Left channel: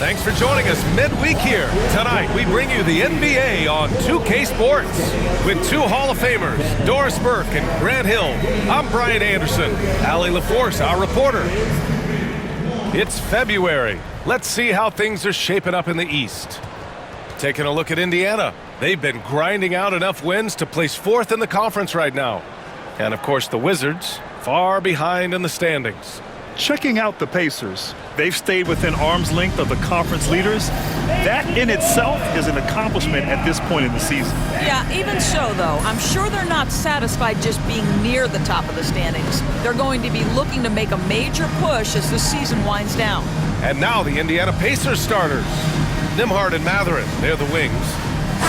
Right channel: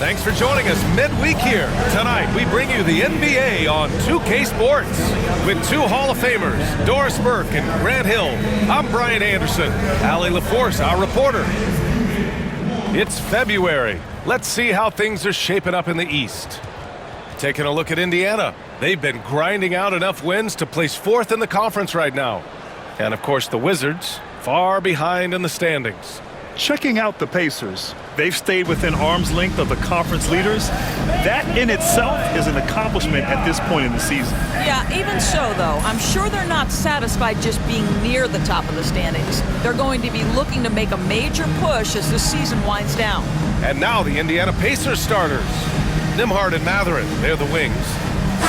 Thanks for joining us midweek here. Tonight, we bring you the NBA on 2K Sports with two Hall of Famers, Doris Burke and Grant Hill. I'm Brian Anderson. Allie LaForce, our reporter. It's February. Let's see how things are shaping up in the East. Taking a look at Indiana. They've been grinding out enough wins to place fourth in the conference right now. And, of course, the Wizards, far behind in the standings. Checking out the Pacers. They've stayed within arm's length of the conference leaders. That in itself is an accomplishment at this point in the season. Yeah, even so, though, I'm sure they're not satisfied just being near the top of the standings. They're going to be looking to make a major push as the season winds down. And now the Indiana Pacers starters. Nembhard and Mathurin, they're the wings.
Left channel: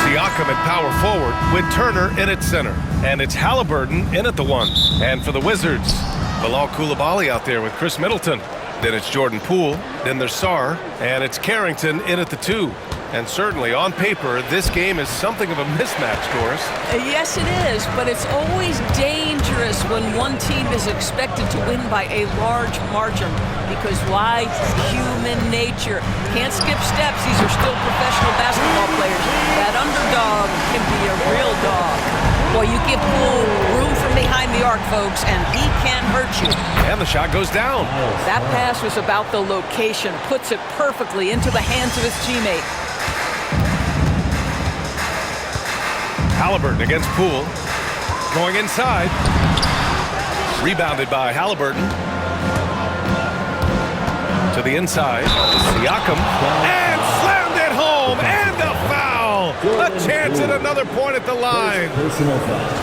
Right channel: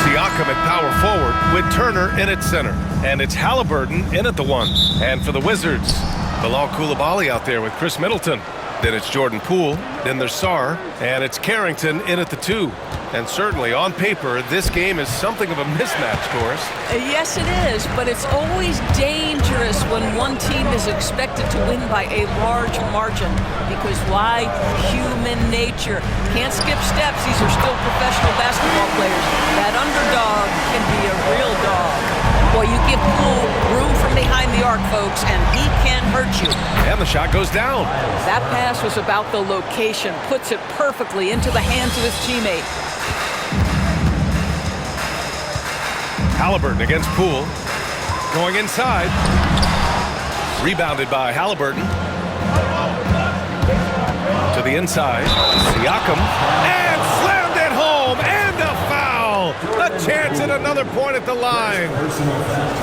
Siakam at power forward with Turner in at center. And it's Halliburton in at the one. And for the Wizards, Bilal Coulibaly out there with Chris Middleton. Then it's Jordan Poole. Then there's Sarr. And it's Carrington in at the two. And certainly on paper, this game is something of a mismatch, Doris. Yes, it is, but it's always dangerous when one team is expected to win by a large margin. Because why? Human nature. Can't skip steps. These are still professional basketball players. That underdog can be a real dog. Well, you give Poole room from behind the arc, folks, and he can hurt you. And the shot goes down. That pass was about the location. Puts it perfectly into the hands of his teammate. Halliburton against Poole. Going inside. Rebounded by Halliburton. To the inside. Siakam. And slammed it home. And a foul. A chance at another point at the line.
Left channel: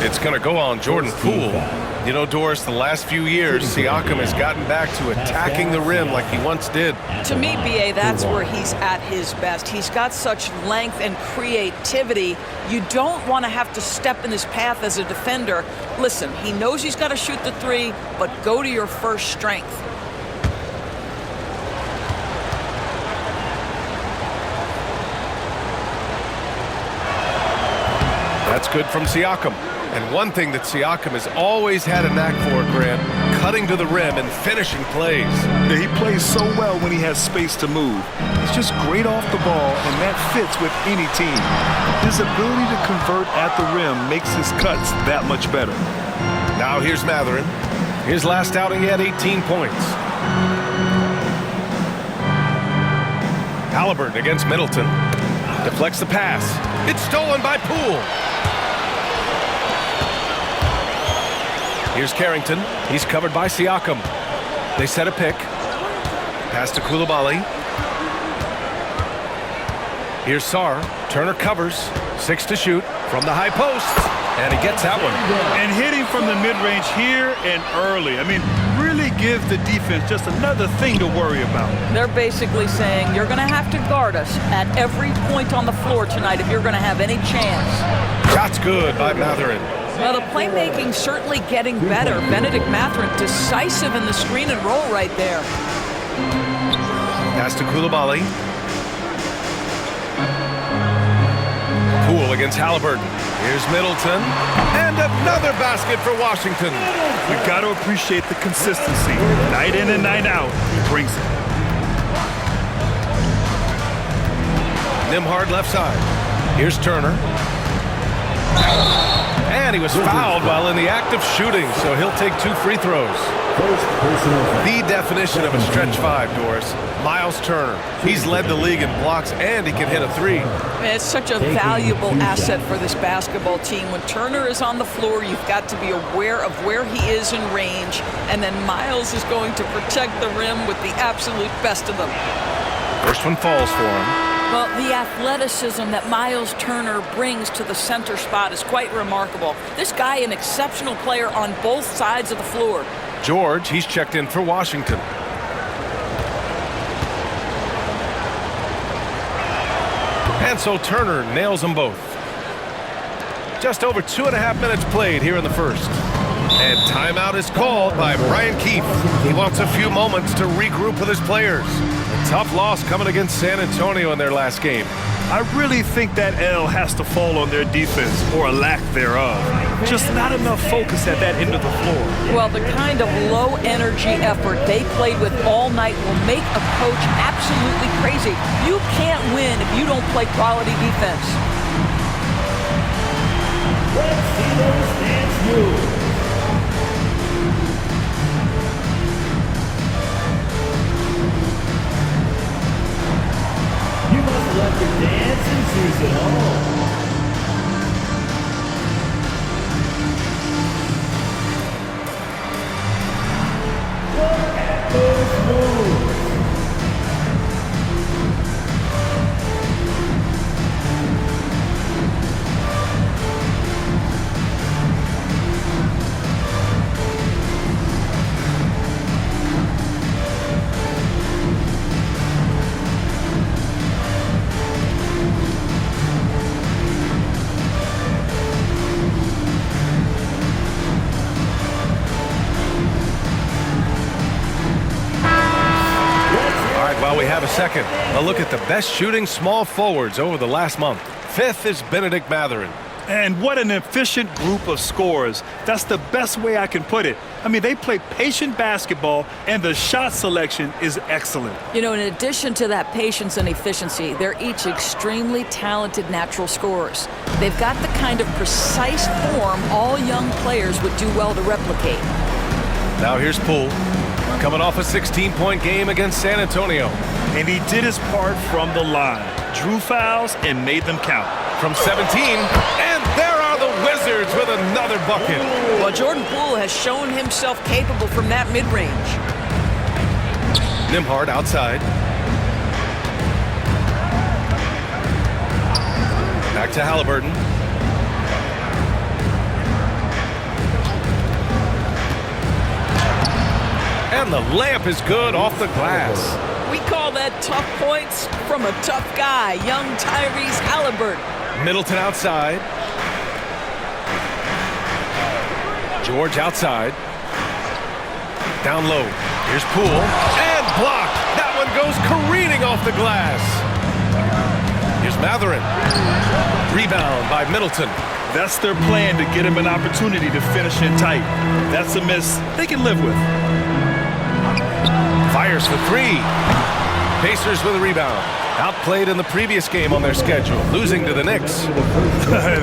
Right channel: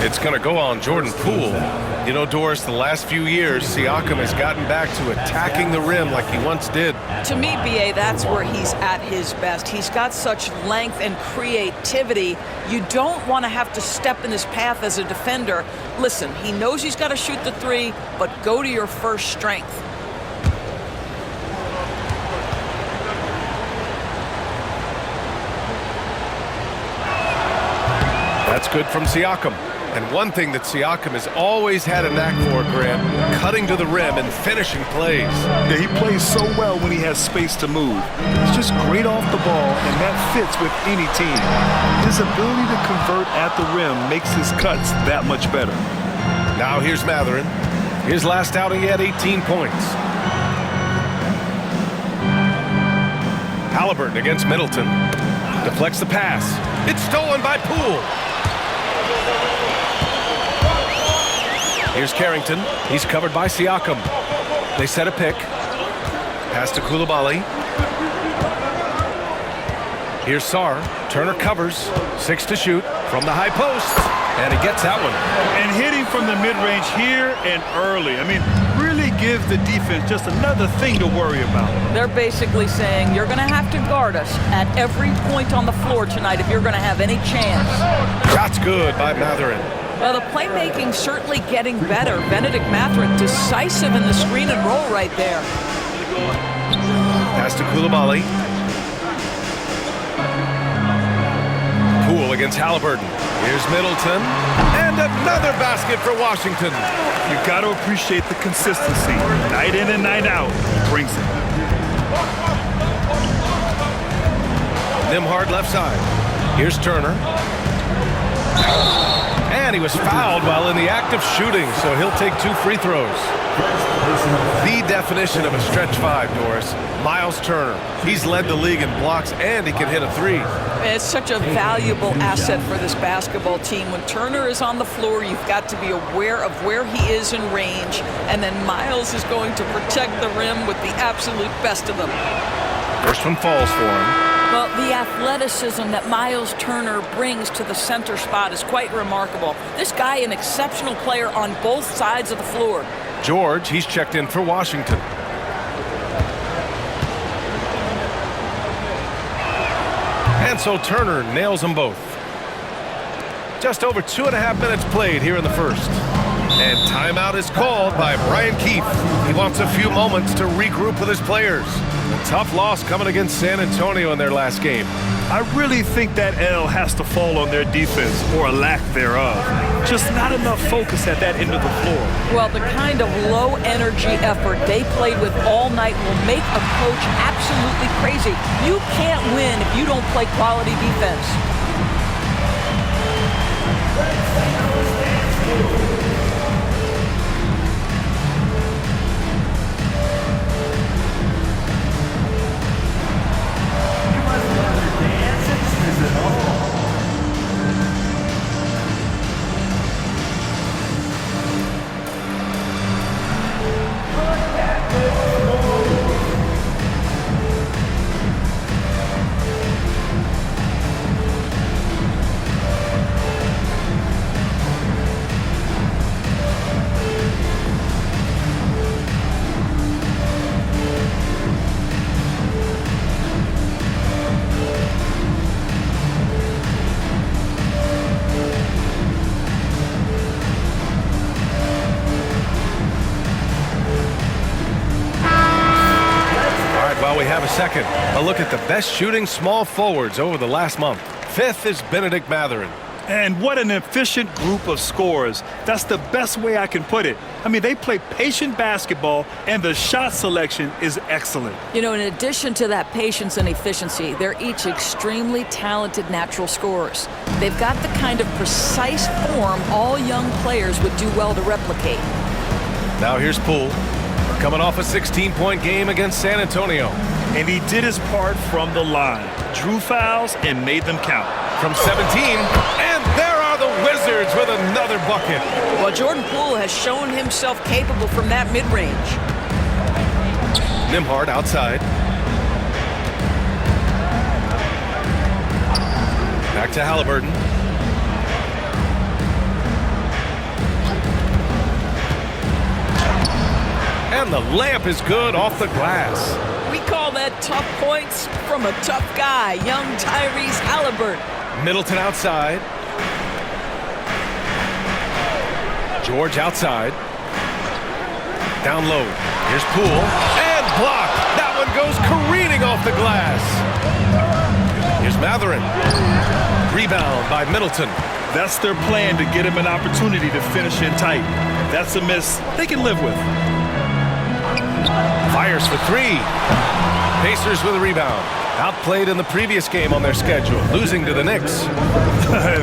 It's going to go on Jordan Poole. You know, Doris, the last few years, Siakam has gotten back to attacking the rim like he once did. To me, B.A., that's where he's at his best. He's got such length and creativity. You don't want to have to step in his path as a defender. Listen, he knows he's got to shoot the three, but go to your first strength. That's good from Siakam. And one thing that Siakam has always had a knack for, Grant, cutting to the rim and finishing plays. Yeah, he plays so well when he has space to move. He's just great off the ball, and that fits with any team. His ability to convert at the rim makes his cuts that much better. Now here's Mathurin. His last outing, he had 18 points. Halliburton against Middleton. Deflects the pass. It's stolen by Poole. Here's Carrington. He's covered by Siakam. They set a pick. Pass to Coulibaly. Here's Sarr. Turner covers. 6 to shoot from the high post. And he gets that one. And hitting from the mid-range here and early. I mean, really give the defense just another thing to worry about. They're basically saying you're going to have to guard us at every point on the floor tonight if you're going to have any chance. Shot's good by Mathurin. Well, the playmaking's certainly getting better. Benedict Mathurin decisive in the screen and roll right there. Pass to Coulibaly. Poole against Halliburton. Here's Middleton. And another basket for Washington. You've got to appreciate the consistency. Night in and night out, he brings it. Nembhard left side. Here's Turner. And he was fouled while in the act of shooting, so he'll take 2 free throws. The definition of a stretch 5, Doris. Miles Turner. He's led the league in blocks, and he can hit a 3. It's such a valuable asset for this basketball team. When Turner is on the floor, you've got to be aware of where he is in range, and then Miles is going to protect the rim with the absolute best of them. First one falls for him. Well, the athleticism that Miles Turner brings to the center spot is quite remarkable. This guy, an exceptional player on both sides of the floor. George, he's checked in for Washington. And so Turner nails them both. Just over 2.5 minutes played here in the first. And timeout is called by Brian Keefe. He wants a few moments to regroup with his players. A tough loss coming against San Antonio in their last game. I really think that L has to fall on their defense, or a lack thereof. Just not enough focus at that end of the floor. Well, the kind of low-energy effort they played with all night will make a coach absolutely crazy. You can't win if you don't play quality defense. Let's see those hands move. You must love your dancing shoes at home. While we have a second, a look at the best shooting small forwards over the last month. Fifth is Benedict Mathurin. And what an efficient group of scorers. That's the best way I can put it. I mean, they play patient basketball, and the shot selection is excellent. You know, in addition to that patience and efficiency, they're each extremely talented natural scorers. They've got the kind of precise form all young players would do well to replicate. Now here's Poole, coming off a 16-point game against San Antonio. And he did his part from the line. Drew fouls and made them count. From 17, and there are the Wizards with another bucket. Well, Jordan Poole has shown himself capable from that mid-range. Nembhard outside. Back to Halliburton. And the layup is good off the glass. We call that tough points from a tough guy, young Tyrese Halliburton. Middleton outside. George outside. Down low. Here's Poole. And blocked. That one goes careening off the glass. Here's Mathurin. Rebound by Middleton. That's their plan, to get him an opportunity to finish in tight. That's a miss they can live with. Fires for three. Pacers with a rebound. Outplayed in the previous game on their schedule, losing to the Knicks.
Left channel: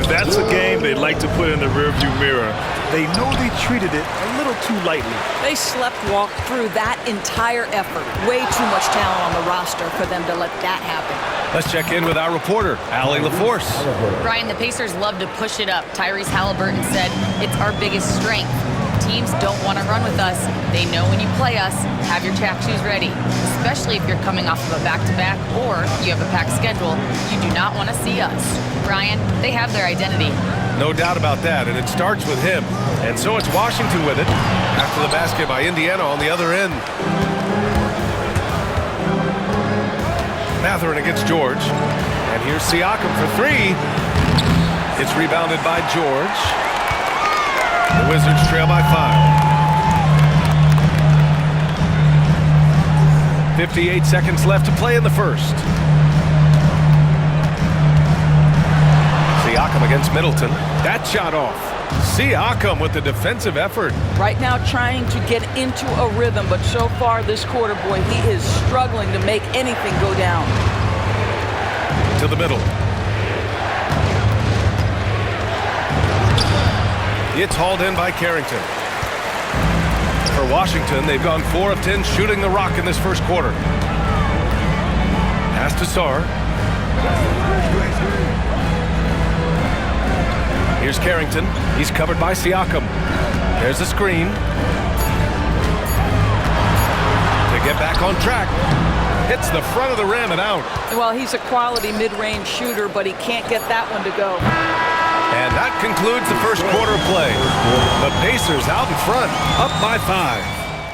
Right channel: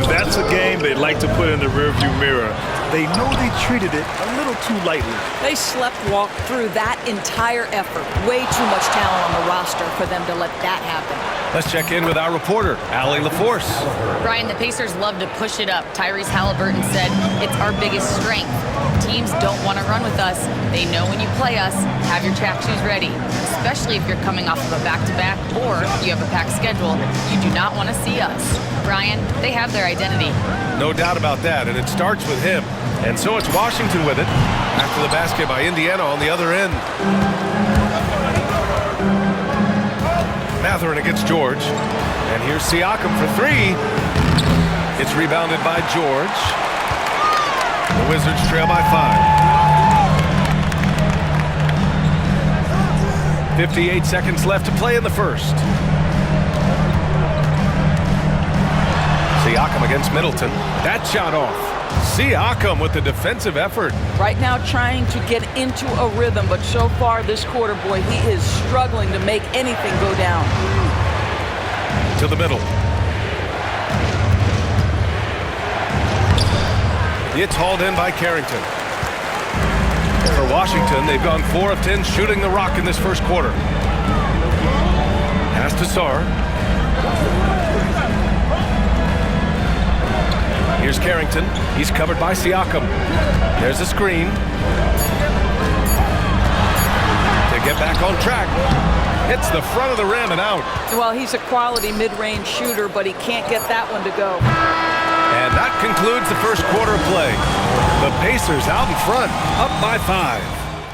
That's a game they'd like to put in the rearview mirror. They know they treated it a little too lightly. They sleptwalked through that entire effort. Way too much talent on the roster for them to let that happen. Let's check in with our reporter, Allie LaForce. Brian, the Pacers love to push it up. Tyrese Halliburton said it's our biggest strength. Teams don't want to run with us. They know when you play us, have your track shoes ready, especially if you're coming off of a back-to-back or you have a packed schedule. You do not want to see us. Brian, they have their identity. No doubt about that, and it starts with him. And so it's Washington with it after the basket by Indiana on the other end. Mathurin against George. And here's Siakam for three. It's rebounded by George. The Wizards trail by 5. 58 seconds left to play in the first. Siakam against Middleton. That shot off. Siakam with the defensive effort. Right now trying to get into a rhythm, but so far this quarter, boy, he is struggling to make anything go down. To the middle. It's hauled in by Carrington. For Washington, they've gone 4 of 10 shooting the rock in this first quarter. Pass to Sarr. Here's Carrington. He's covered by Siakam. There's a screen. To get back on track. Hits the front of the rim and out. Well, he's a quality mid-range shooter, but he can't get that one to go. And that concludes the first quarter of play. The Pacers out in front, up by 5.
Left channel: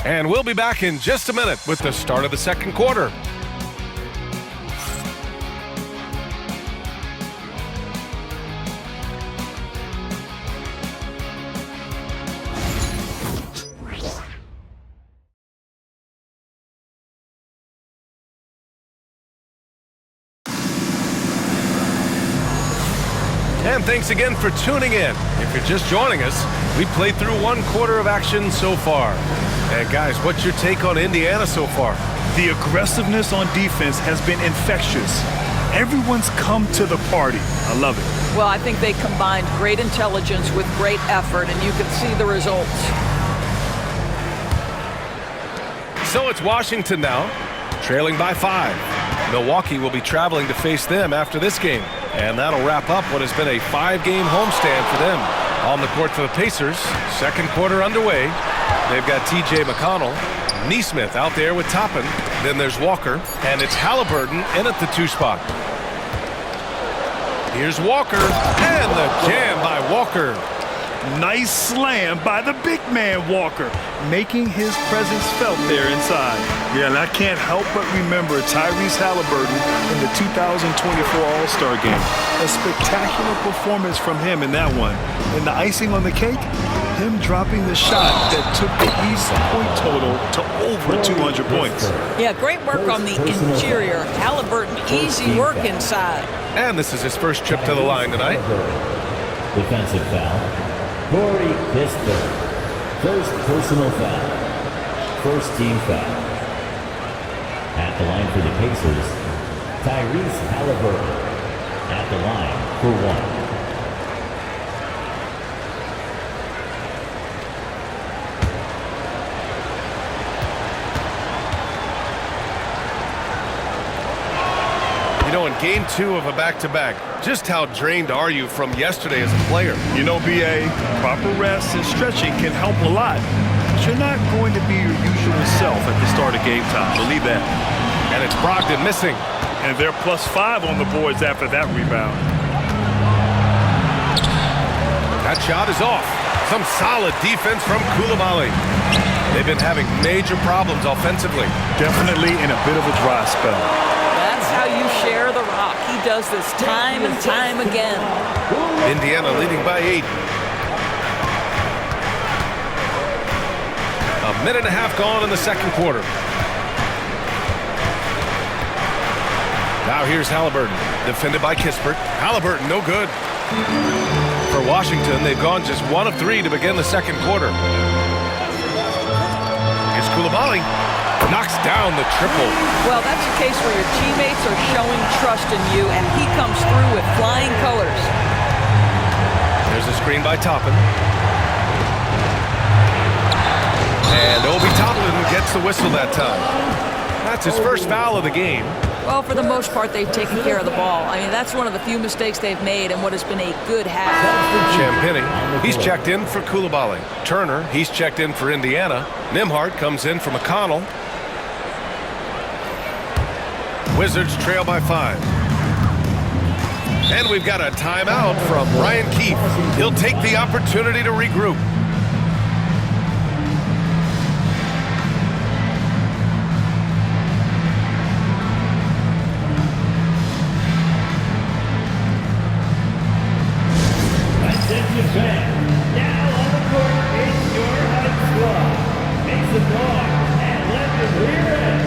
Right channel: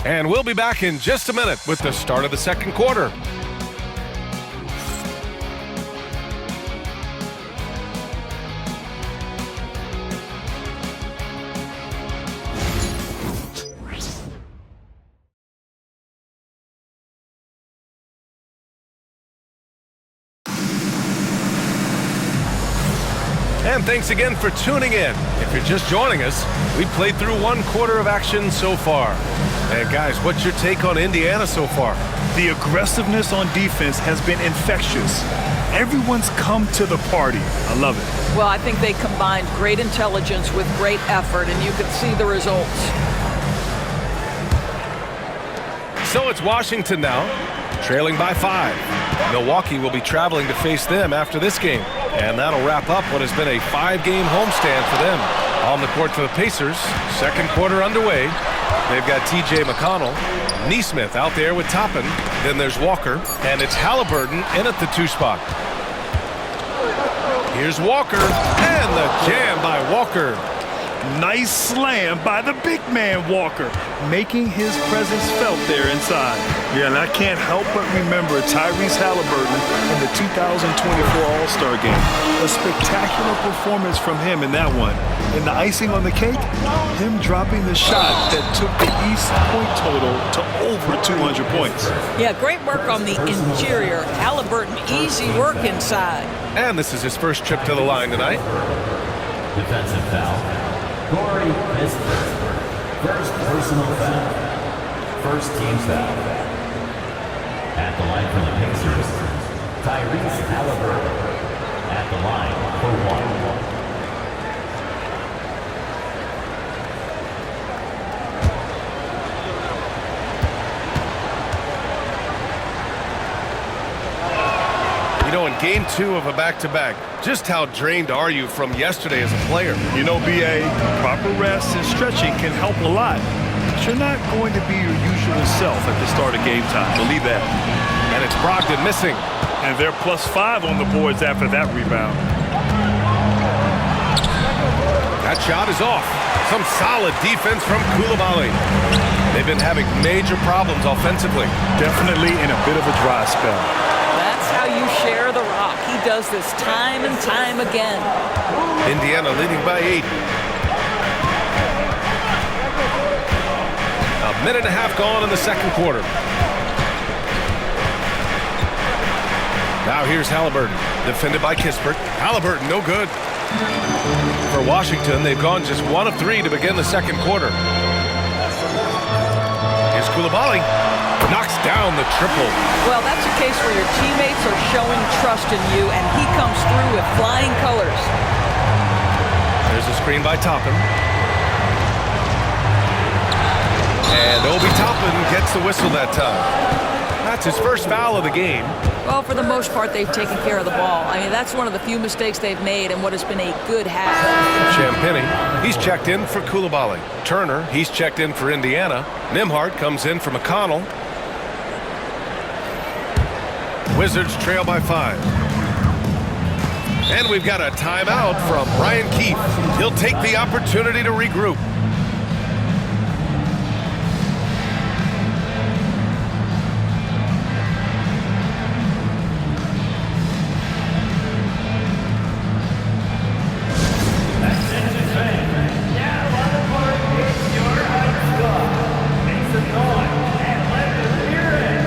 And we'll be back in just a minute with the start of the second quarter. And thanks again for tuning in. If you're just joining us, we played through 1/4 of action so far. And guys, what's your take on Indiana so far? The aggressiveness on defense has been infectious. Everyone's come to the party. I love it. Well, I think they combined great intelligence with great effort, and you can see the results. So it's Washington now, trailing by 5. Milwaukee will be traveling to face them after this game. And that'll wrap up what has been a 5-game homestand for them. On the court for the Pacers, second quarter underway. They've got T.J. McConnell, Neesmith out there with Toppin. Then there's Walker, and it's Halliburton in at the 2 spot. Here's Walker, and the jam by Walker. Nice slam by the big man Walker, making his presence felt there inside. Yeah, and I can't help but remember Tyrese Halliburton in the 2024 All-Star Game. A spectacular performance from him in that one. And the icing on the cake, him dropping the shot that took the East point total to over 200 points. Yeah, great work on the interior. Halliburton, easy work inside. And this is his first trip to the line tonight. Defensive foul. Corey Kispert. First personal foul. First team foul. At the line for the Pacers, Tyrese Halliburton. At the line for 1. You know, in game 2 of a back-to-back, just how drained are you from yesterday as a player? You know, B.A., proper rest and stretching can help a lot. But you're not going to be your usual self at the start of game time. Believe that. And it's Brogdon missing. And they're +5 on the boards after that rebound. That shot is off. Some solid defense from Coulibaly. They've been having major problems offensively. Definitely in a bit of a dry spell. That's how you share the rock. He does this time and time again. Indiana leading by 8. A minute and a half gone in the second quarter. Now here's Halliburton, defended by Kispert. Halliburton, no good. For Washington, they've gone just 1 of 3 to begin the second quarter. Here's Coulibaly. Knocks down the triple. Well, that's a case where your teammates are showing trust in you, and he comes through with flying colors. There's a screen by Toppin. And Obi Toppin gets the whistle that time. That's his first foul of the game. Well, for the most part, they've taken care of the ball. I mean, that's one of the few mistakes they've made in what has been a good half. Champagny, he's checked in for Coulibaly. Turner, he's checked in for Indiana. Nembhard comes in for McConnell. Wizards trail by 5. And we've got a timeout from Ryan Keefe. He'll take the opportunity to regroup. Attention fans, now on the court is your Heights squad. Make some noise and let them hear it.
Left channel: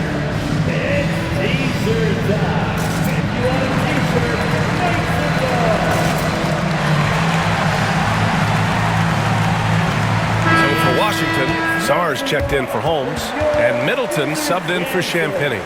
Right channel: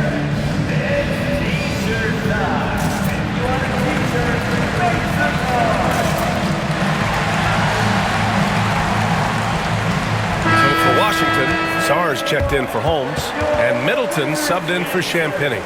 It's T-shirt time. If you want a T-shirt, make some noise. So for Washington, Sars checked in for Holmes, and Middleton subbed in for Champagny.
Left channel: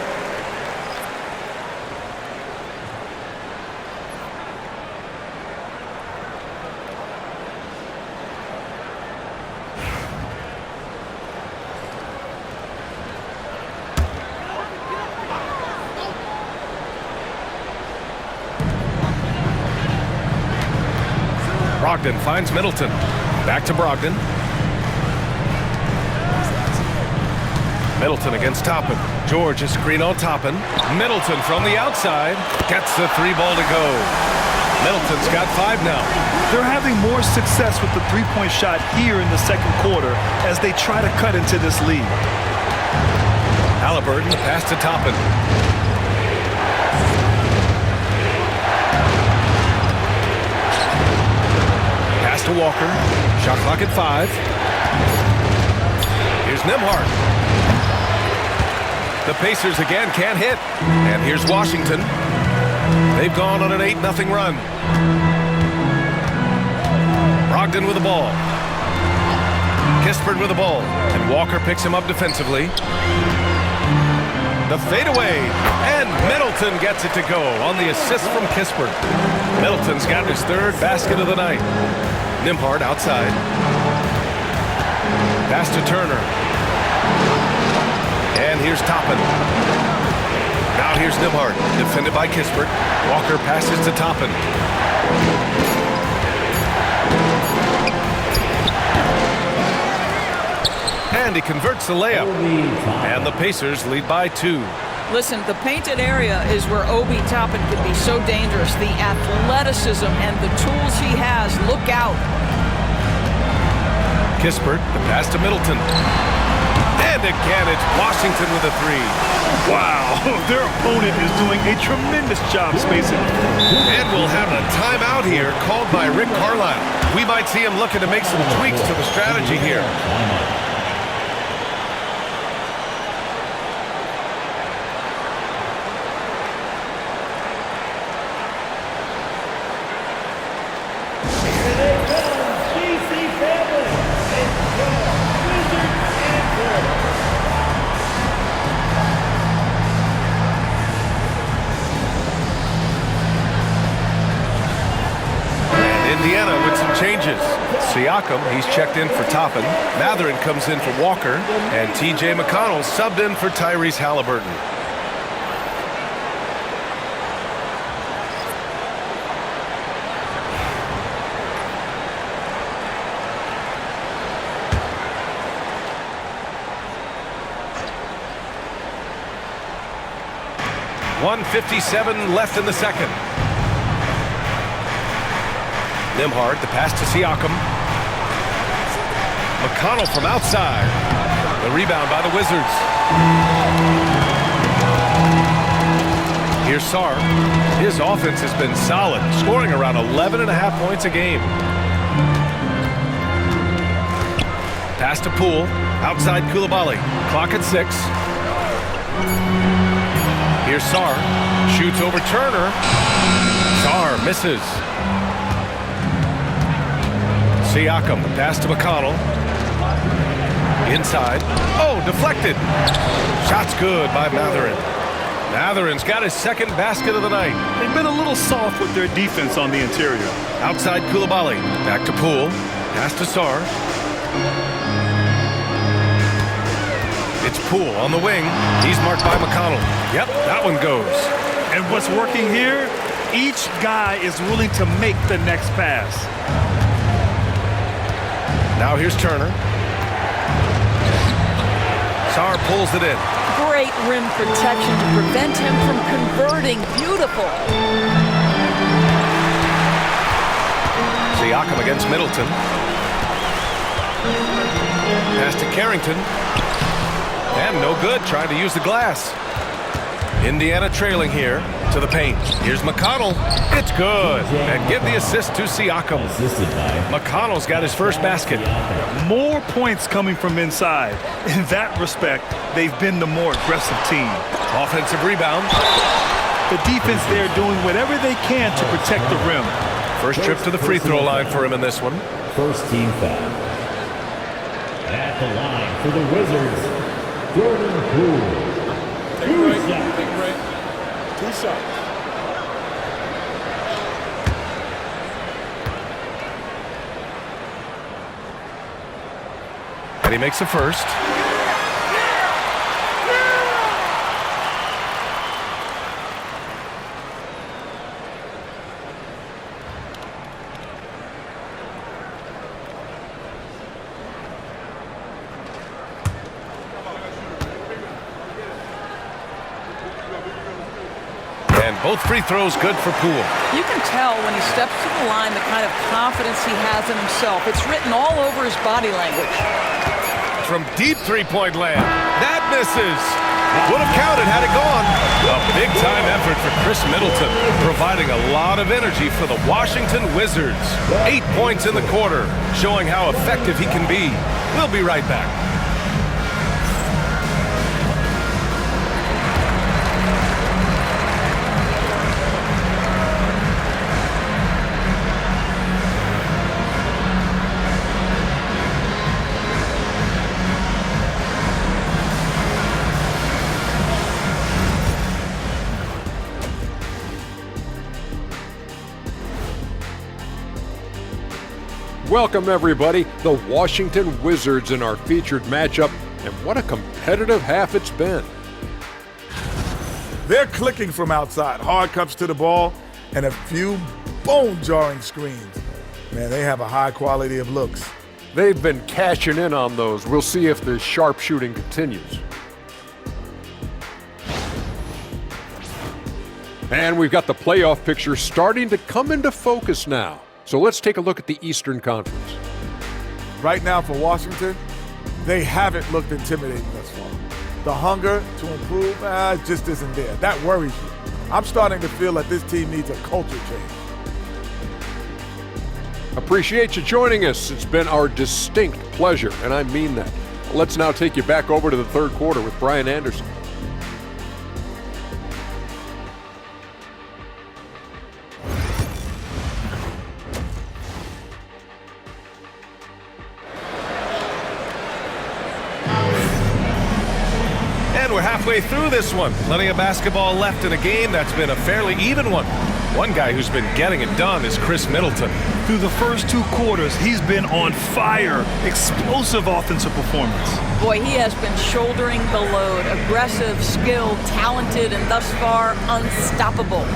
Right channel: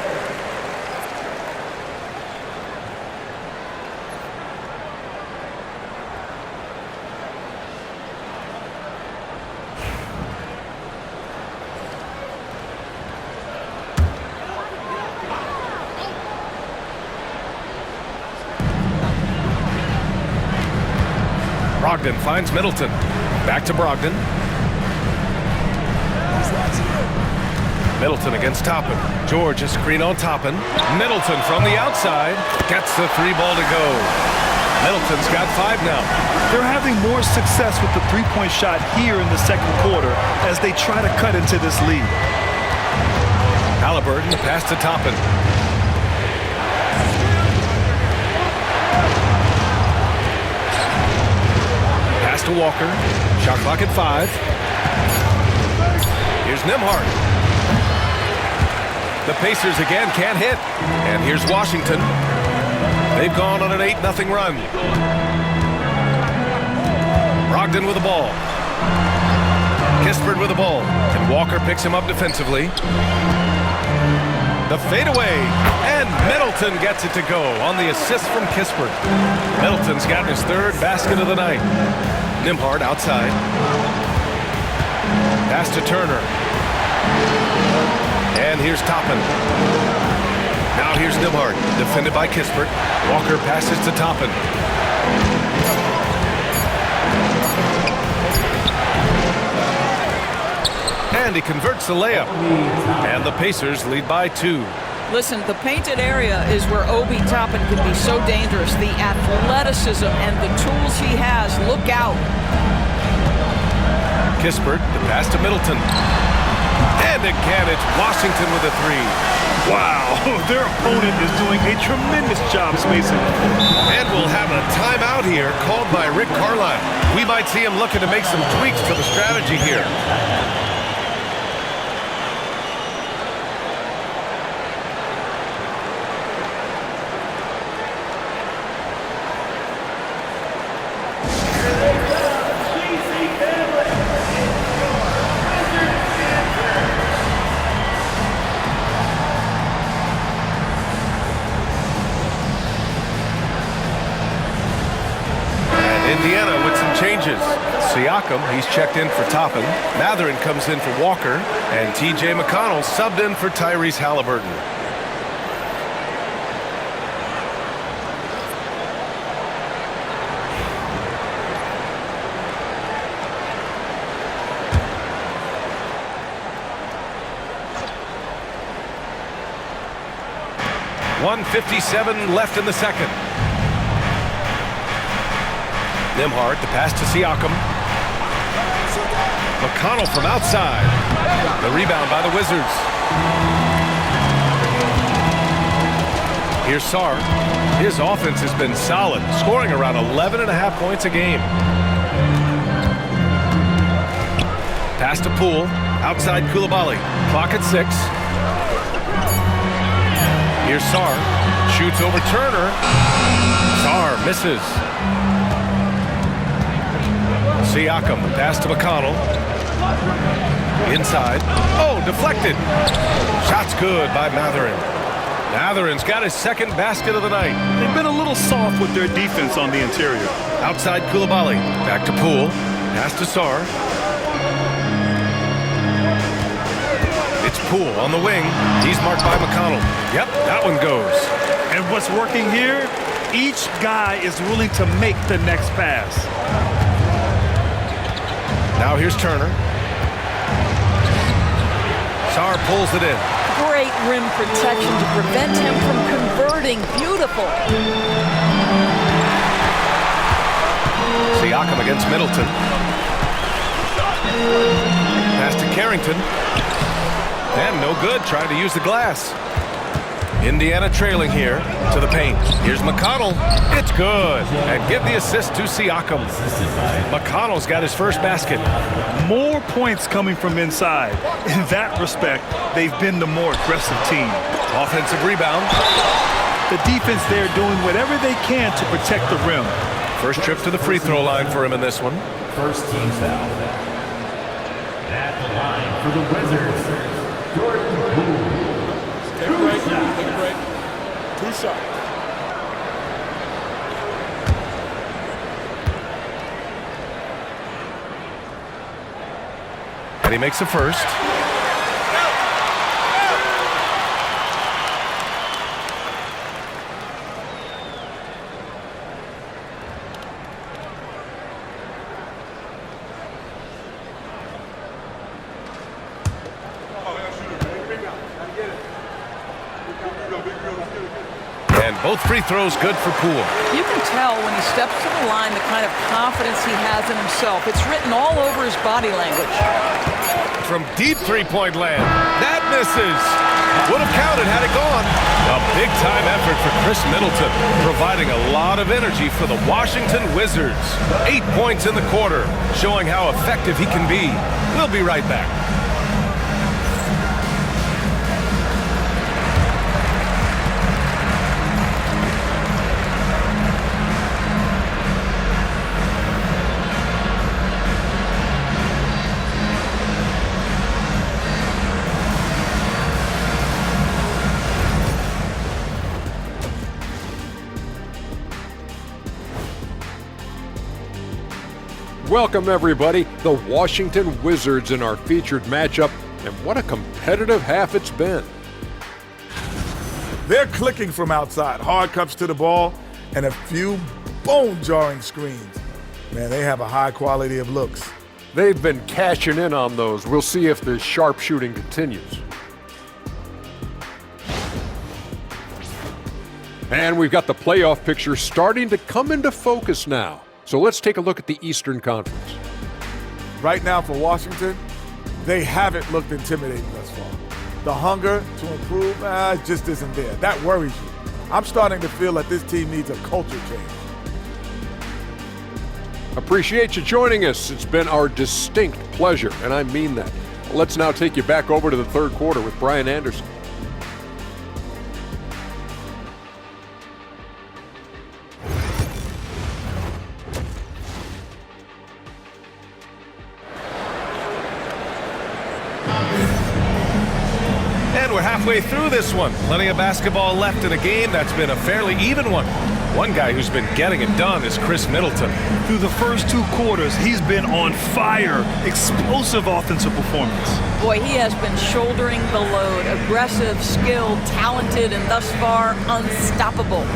Brogdon finds Middleton. Back to Brogdon. Middleton against Toppin. George, a screen on Toppin. Middleton from the outside. Gets the 3-ball to go. Middleton's got 5 now. They're having more success with the three-point shot here in the second quarter as they try to cut into this lead. Halliburton, the pass to Toppin. Pass to Walker. Shot clock at 5. Here's Nembhard. The Pacers again can't hit. And here's Washington. They've gone on an 8-0 run. Brogdon with the ball. Kispert with the ball. And Walker picks him up defensively. The fadeaway. And Middleton gets it to go on the assist from Kispert. Middleton's got his third basket of the night. Nembhard outside. Pass to Turner. And here's Toppin. Now here's Nembhard, defended by Kispert. Walker passes to Toppin. And he converts the layup. And the Pacers lead by 2. Listen, the painted area is where Obi Toppin can be so dangerous. The athleticism and the tools he has. Look out. Kispert, the pass to Middleton. And again, it's Washington with a 3. Wow, their opponent is doing a tremendous job spacing the floor. And we'll have a timeout here called by Rick Carlisle. We might see him looking to make some tweaks to the strategy here. Indiana with some changes. Siakam, he's checked in for Toppin. Mathurin comes in for Walker. And T.J. McConnell subbed in for Tyrese Halliburton. .157 left in the second. Nembhard, the pass to Siakam. McConnell from outside. The rebound by the Wizards. Here's Sarr. His offense has been solid, scoring around 11.5 points a game. Pass to Poole. Outside Coulibaly. Clock at 6. Here's Sarr. Shoots over Turner. Sarr misses. Siakam, the pass to McConnell. Inside. Oh, deflected. Shot's good by Mathurin. Mathurin's got his second basket of the night. They've been a little soft with their defense on the interior. Outside Coulibaly. Back to Poole. Pass to Sarr. It's Poole on the wing. He's marked by McConnell. Yep, that one goes. And what's working here? Each guy is willing to make the next pass. Now here's Turner. Sarr pulls it in. Great rim protection to prevent him from converting. Beautiful. Siakam against Middleton. Pass to Carrington. And no good, trying to use the glass. Indiana trailing here to the paint. Here's McConnell. It's good. And give the assist to Siakam. McConnell's got his first basket. More points coming from inside. In that respect, they've been the more aggressive team. Offensive rebound. The defense there doing whatever they can to protect the rim. First trip to the free throw line for him in this one. First team foul. At the line for the Wizards, Jordan Poole. Take a break. Take a break. 2 shots. And he makes the first. And both free throws good for Poole. You can tell when he steps to the line the kind of confidence he has in himself. It's written all over his body language. From deep three-point land. That misses. Would have counted had it gone. A big-time effort for Chris Middleton, providing a lot of energy for the Washington Wizards. 8 points in the quarter, showing how effective he can be. We'll be right back. Welcome, everybody. The Washington Wizards in our featured matchup, and what a competitive half it's been. They're clicking from outside. Hard cuts to the ball and a few bone-jarring screens. Man, they have a high quality of looks. They've been cashing in on those. We'll see if the sharpshooting continues. And we've got the playoff picture starting to come into focus now. So let's take a look at the Eastern Conference. Right now for Washington, they haven't looked intimidating thus far. The hunger to improve just isn't there. That worries you. I'm starting to feel that this team needs a culture change. Appreciate you joining us. It's been our distinct pleasure, and I mean that. Let's now take you back over to the third quarter with Brian Anderson. And we're halfway through this one. Plenty of basketball left in a game that's been a fairly even one. One guy who's been getting it done is Chris Middleton. Through the first 2 quarters, he's been on fire. Explosive offensive performance. Boy, he has been shouldering the load. Aggressive, skilled, talented, and thus far unstoppable.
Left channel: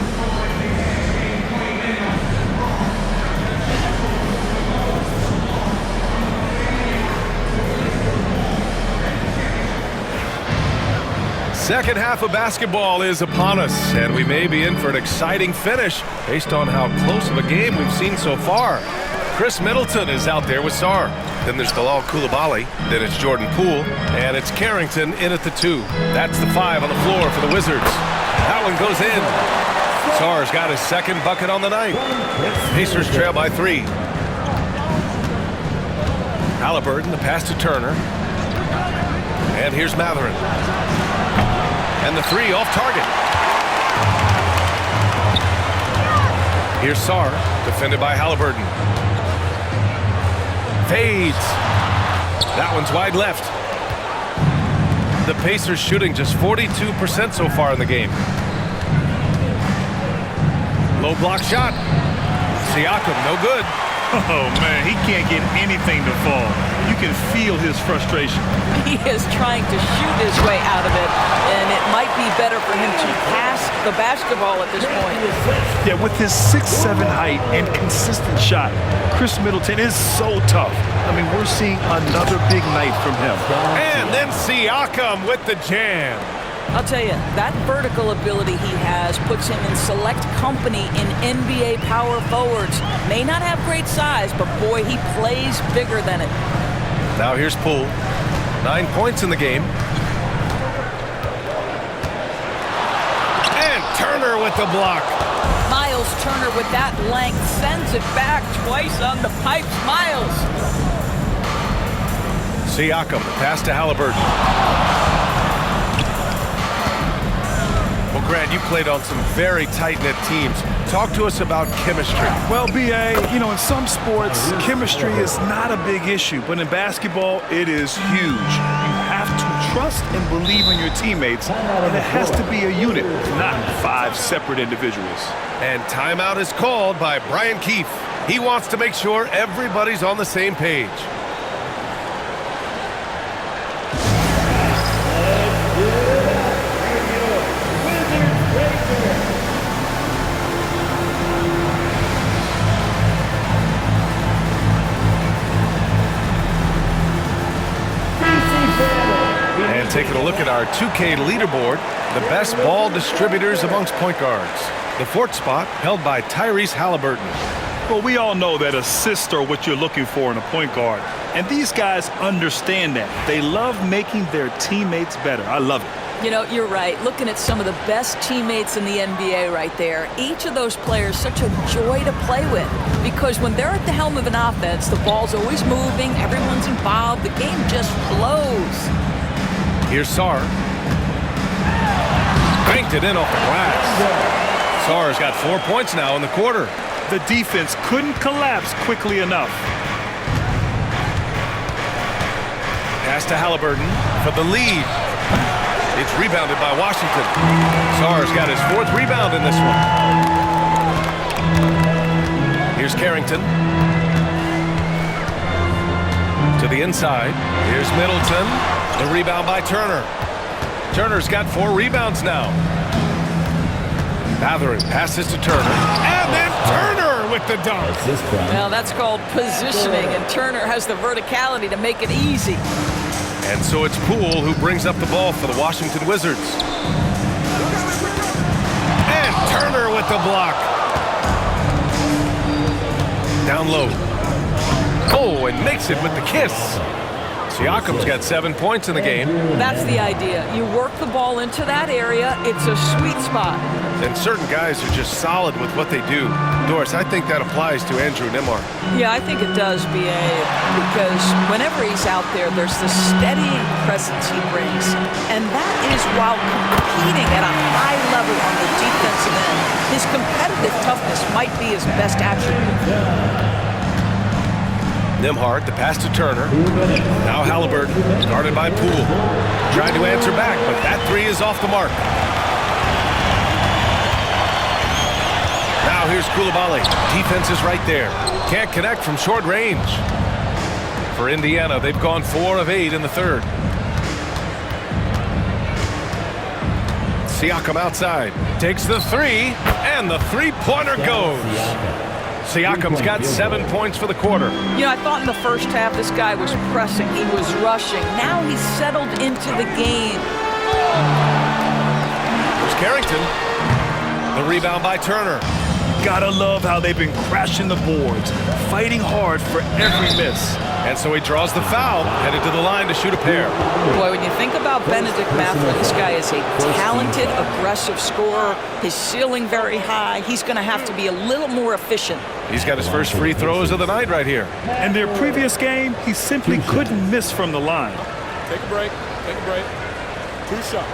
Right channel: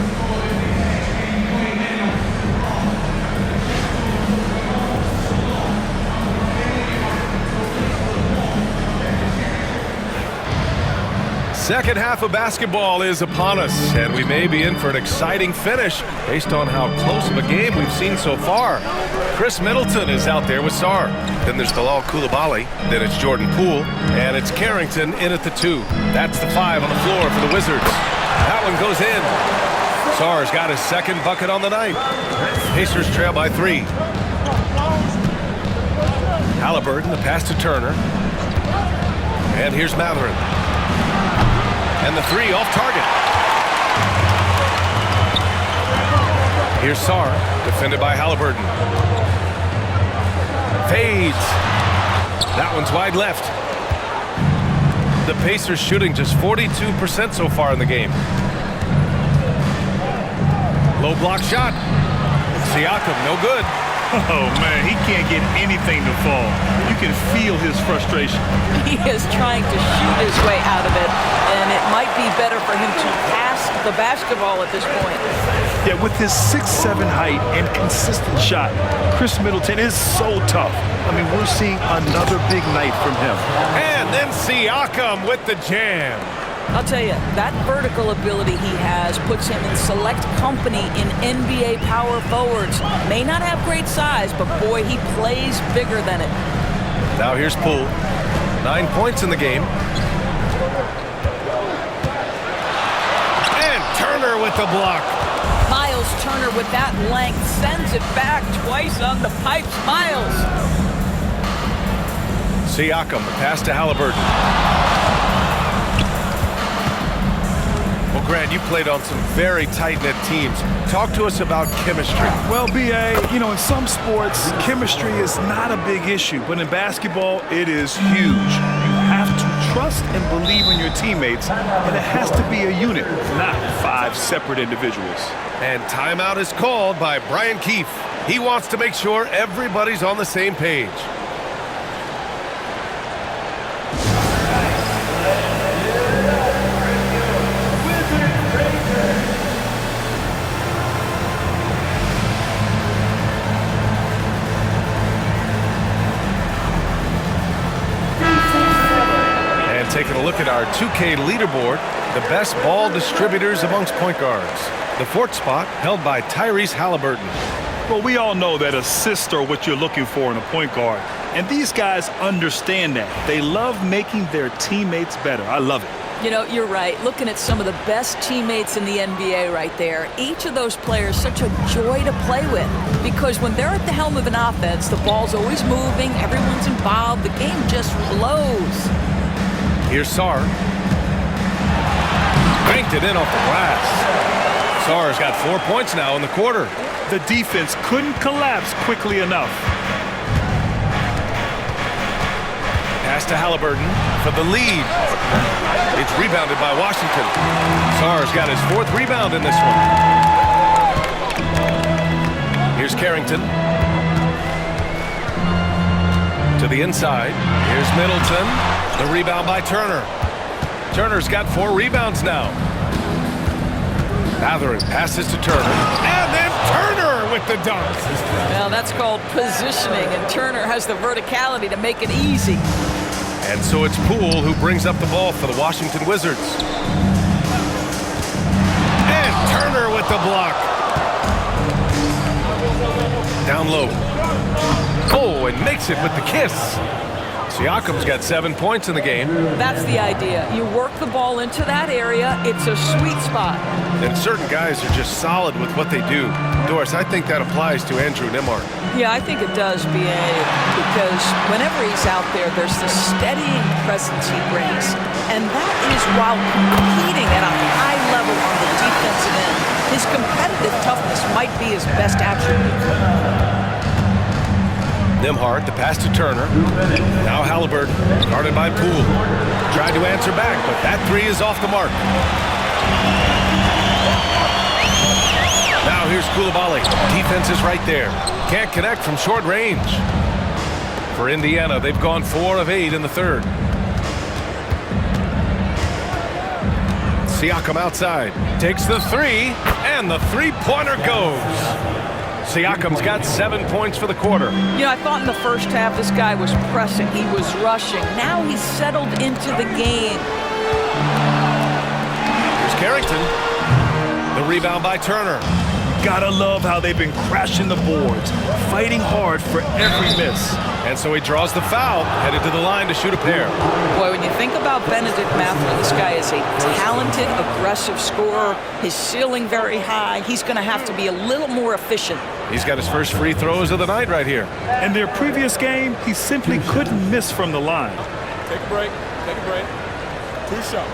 Second half of basketball is upon us, and we may be in for an exciting finish based on how close of a game we've seen so far. Chris Middleton is out there with Sarr. Then there's Bilal Coulibaly. Then it's Jordan Poole. And it's Carrington in at the 2. That's the 5 on the floor for the Wizards. That one goes in. Sarr's got his second bucket on the night. Pacers trail by 3. Halliburton, the pass to Turner. And here's Matherin. And the 3 off target. Here's Sarr, defended by Halliburton. Fades. That one's wide left. The Pacers shooting just 42% so far in the game. Low block shot. Siakam, no good. Oh, man, he can't get anything to fall. You can feel his frustration. He is trying to shoot his way out of it, and it might be better for him to pass the basketball at this point. Yeah, with his 6'7" height and consistent shot, Chris Middleton is so tough. I mean, we're seeing another big night from him. And then Siakam with the jam. I'll tell you, that vertical ability he has puts him in select company in NBA power forwards. May not have great size, but boy, he plays bigger than it. Now here's Poole. 9 points in the game. And Turner with the block. Miles Turner with that length sends it back twice on the pipes. Miles. Siakam, the pass to Halliburton. Well, Grant, you played on some very tight-knit teams. Talk to us about chemistry. Well, B.A., you know, in some sports, chemistry is not a big issue, but in basketball, it is huge. You have to trust and believe in your teammates, and it has to be a unit, not 5 separate individuals. And timeout is called by Brian Keefe. He wants to make sure everybody's on the same page. And taking a look at our 2K leaderboard, the best ball distributors amongst point guards. The 4th spot held by Tyrese Halliburton. Well, we all know that assists are what you're looking for in a point guard. And these guys understand that. They love making their teammates better. I love it. You know, you're right. Looking at some of the best teammates in the NBA right there, each of those players such a joy to play with. Because when they're at the helm of an offense, the ball's always moving, everyone's involved, the game just flows. Here's Sarr. Banked it in off the glass. Sarr's got 4 points now in the quarter. The defense couldn't collapse quickly enough. Pass to Halliburton for the lead. It's rebounded by Washington. Sarr's got his 4th rebound in this one. Here's Carrington. To the inside. Here's Middleton. The rebound by Turner. Turner's got 4 rebounds now. Mathurin passes to Turner. And then Turner with the dunk. Well, that's called positioning, and Turner has the verticality to make it easy. And so it's Poole who brings up the ball for the Washington Wizards. And Turner with the block. Down low. Oh, and makes it with the kiss. Siakam's got 7 points in the game. That's the idea. You work the ball into that area. It's a sweet spot. And certain guys are just solid with what they do. Doris, I think that applies to Andrew Nembhard. Yeah, I think it does, B.A., because whenever he's out there, there's the steadying presence he brings. And that is while competing at a high level on the defensive end. His competitive toughness might be his best attribute. Nembhard, the pass to Turner. Now Halliburton, guarded by Poole. Tried to answer back, but that 3 is off the mark. Now here's Coulibaly. Defense is right there. Can't connect from short range. For Indiana, they've gone 4 of 8 in the third. Siakam outside. Takes the 3, and the three-pointer goes. Siakam's got 7 points for the quarter. You know, I thought in the first half this guy was pressing. He was rushing. Now he's settled into the game. Here's Carrington. The rebound by Turner. You gotta love how they've been crashing the boards, fighting hard for every miss. And so he draws the foul, headed to the line to shoot a pair. Boy, when you think about Benedict Mathurin, this guy is a talented, aggressive scorer. His ceiling very high. He's going to have to be a little more efficient. He's got his first free throws of the night right here. In their previous game, he simply couldn't miss from the line. Take a break. Take a break. 2 shots.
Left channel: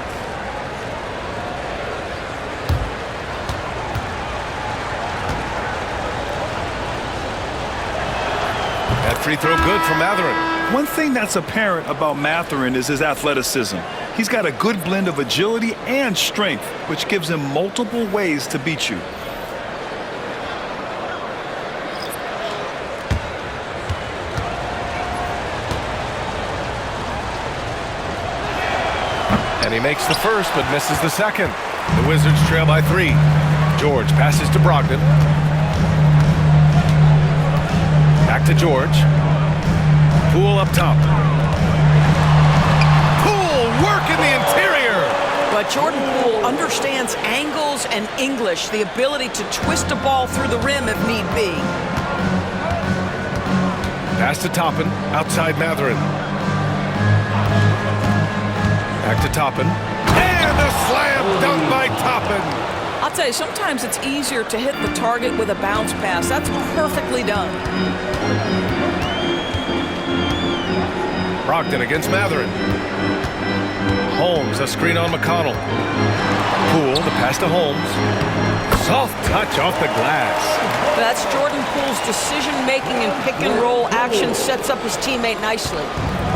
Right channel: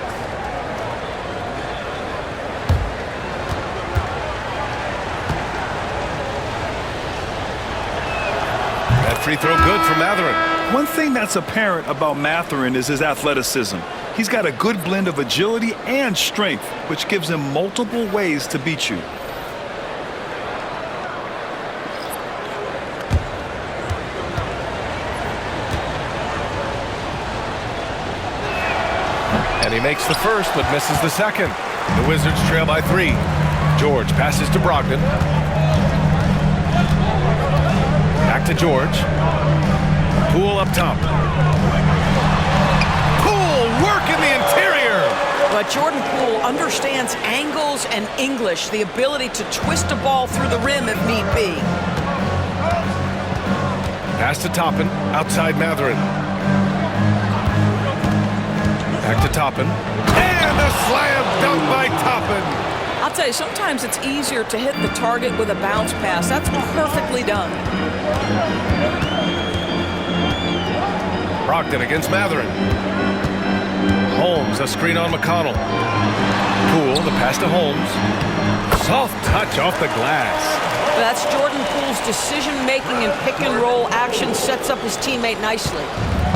That free throw good from Mathurin. One thing that's apparent about Mathurin is his athleticism. He's got a good blend of agility and strength, which gives him multiple ways to beat you. And he makes the first, but misses the second. The Wizards trail by 3. George passes to Brogdon. Back to George. Poole up top. Poole work in the interior. But Jordan Poole understands angles and English, the ability to twist a ball through the rim if need be. Pass to Toppin, outside Mathurin. Back to Toppin. And a slam dunk by Toppin. I'll tell you, sometimes it's easier to hit the target with a bounce pass. That's perfectly done. Brogdon against Mathurin. Holmes, a screen on McConnell. Poole, the pass to Holmes. Soft touch off the glass. That's Jordan Poole's decision-making and pick-and-roll action sets up his teammate nicely.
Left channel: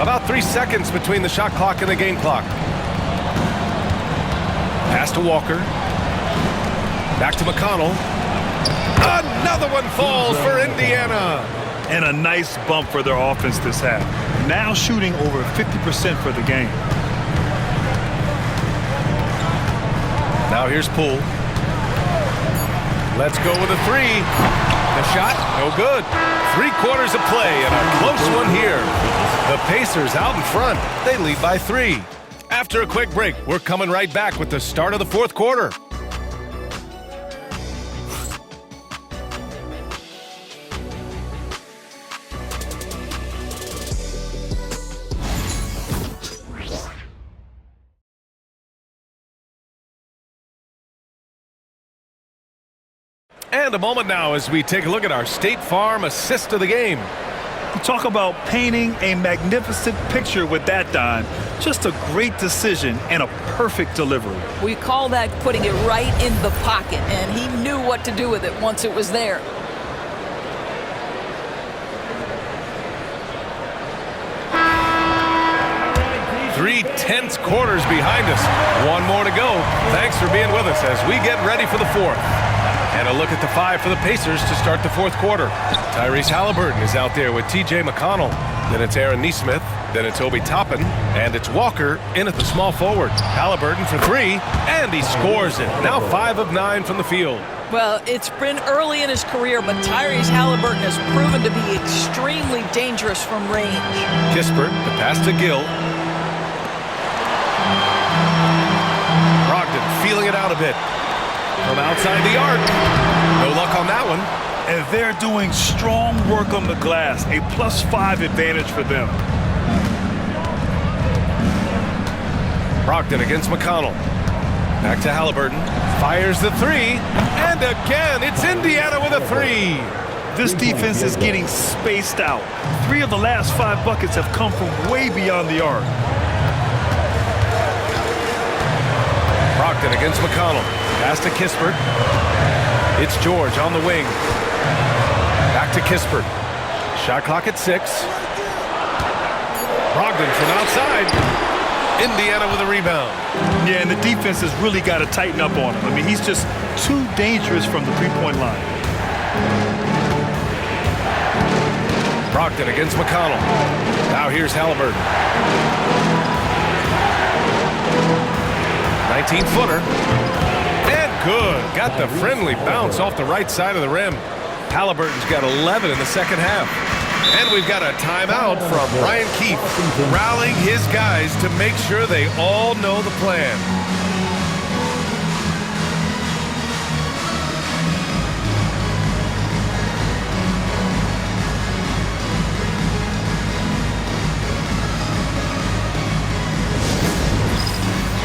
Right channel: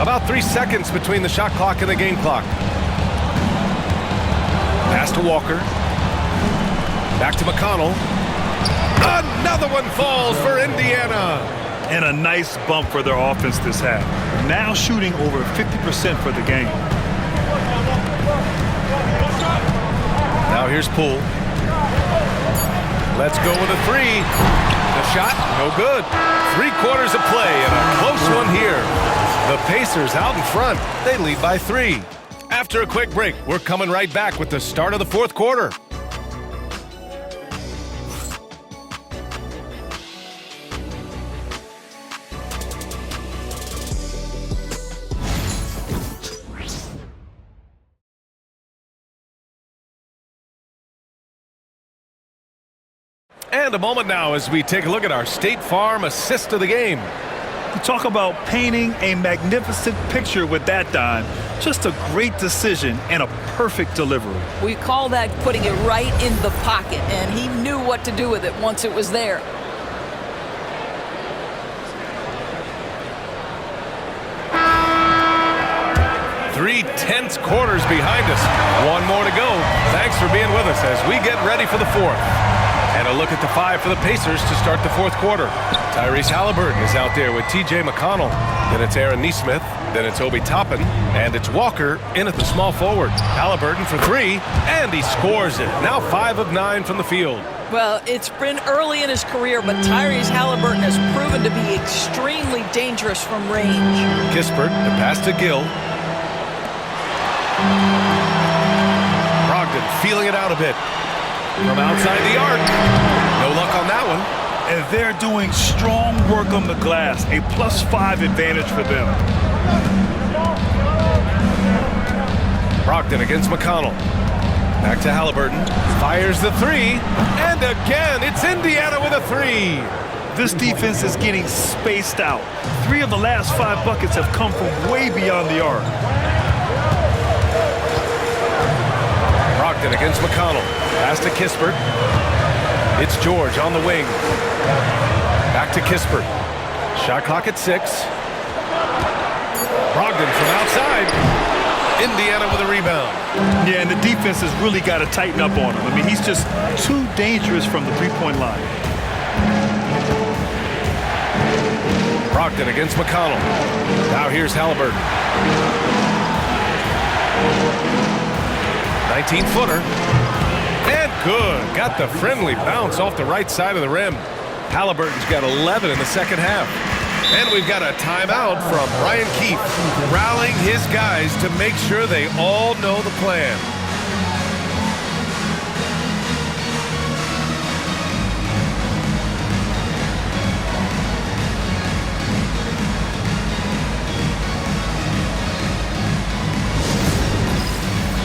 About 3 seconds between the shot clock and the game clock. Pass to Walker. Back to McConnell. Another one falls for Indiana. And a nice bump for their offense this half. Now shooting over 50% for the game. Now here's Poole. Let's go with a 3. The shot, no good. 3/4 of play and a close one here. The Pacers out in front. They lead by 3. After a quick break, we're coming right back with the start of the 4th quarter. And a moment now as we take a look at our State Farm assist of the game. You talk about painting a magnificent picture with that dime. Just a great decision and a perfect delivery. We call that putting it right in the pocket, and he knew what to do with it once it was there. Three tense quarters behind us. One more to go. Thanks for being with us as we get ready for the 4th. And a look at the 5 for the Pacers to start the 4th quarter. Tyrese Halliburton is out there with T.J. McConnell. Then it's Aaron Nesmith. Then it's Obi Toppin. And it's Walker in at the small forward. Halliburton for 3, and he scores it. Now 5 of 9 from the field. Well, it's been early in his career, but Tyrese Halliburton has proven to be extremely dangerous from range. Kispert, the pass to Gill. Brogdon feeling it out a bit. From outside the arc. No luck on that one. And they're doing strong work on the glass, a +5 advantage for them. Brogdon against McConnell. Back to Halliburton. Fires the 3. And again, it's Indiana with a 3. This defense is getting spaced out. 3 of the last 5 buckets have come from way beyond the arc. Brogdon against McConnell. Pass to Kispert. It's George on the wing. Back to Kispert. Shot clock at 6. Brogdon from outside. Indiana with a rebound. Yeah, and the defense has really got to tighten up on him. I mean, he's just too dangerous from the three-point line. Brogdon against McConnell. Now here's Halliburton. 19-footer. And good. Got the friendly bounce off the right side of the rim. Halliburton's got 11 in the second half. And we've got a timeout from Brian Keefe, rallying his guys to make sure they all know the plan.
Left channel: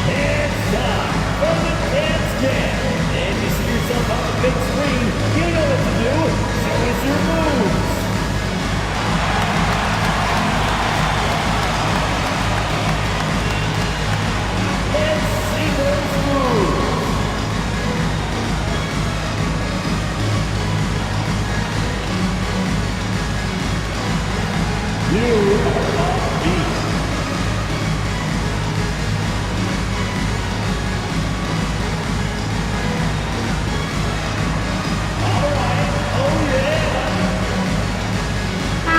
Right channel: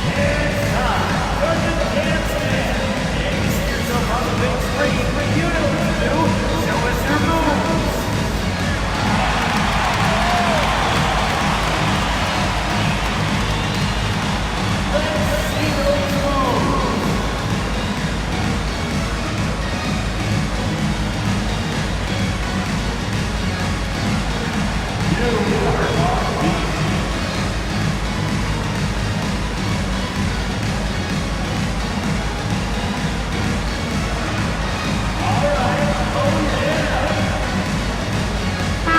It's time for the dance jam. And you see yourself on the big screen. You know what to do. Show us your moves.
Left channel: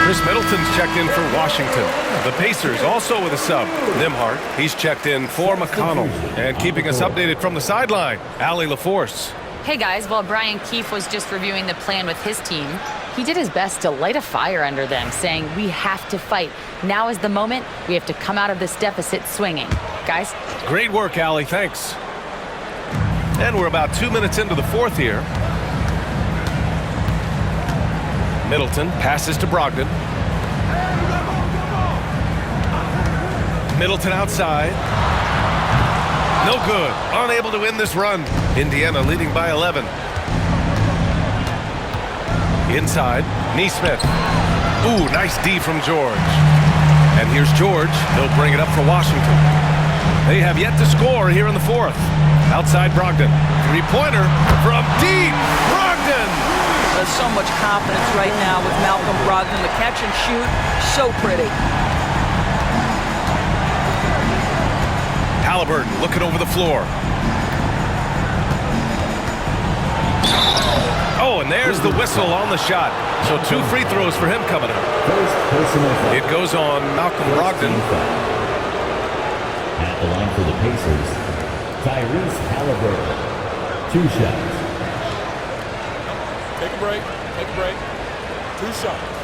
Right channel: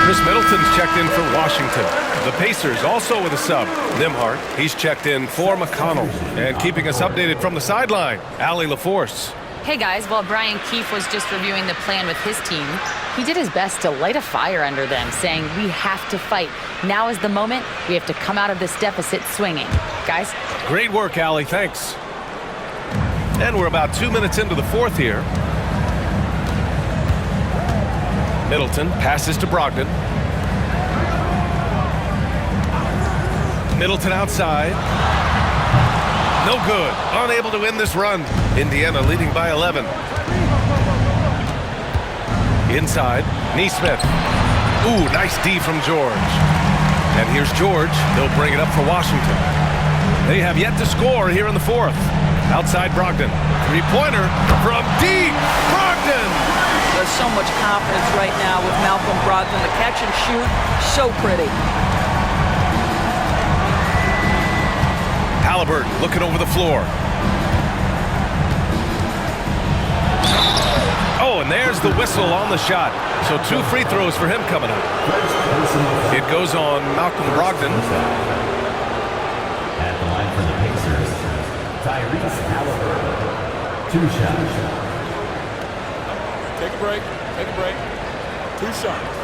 Chris Middleton's checked in for Washington. The Pacers also with a sub. Nimhart, he's checked in for McConnell. And keeping us updated from the sideline, Allie LaForce. Hey guys, while Brian Keefe was just reviewing the plan with his team, he did his best to light a fire under them, saying we have to fight. Now is the moment. We have to come out of this deficit swinging. Guys? Great work, Allie. Thanks. And we're about 2 minutes into the fourth here. Middleton passes to Brogdon. Middleton outside. No good. Unable to win this run. Indiana leading by 11. Inside, Nesmith. Ooh, nice D from George. And here's George. He'll bring it up for Washington. They have yet to score here in the fourth. Outside Brogdon. Three-pointer from deep. Brogdon! There's so much confidence right now with Malcolm Brogdon. The catch and shoot, so pretty. Halliburton looking over the floor. Oh, and there's the whistle on the shot. So 2 free throws for him coming up. It goes on Malcolm Brogdon. At the line for the Pacers, Tyrese Halliburton. 2 shots. Take a break. Take a break. 2 shots.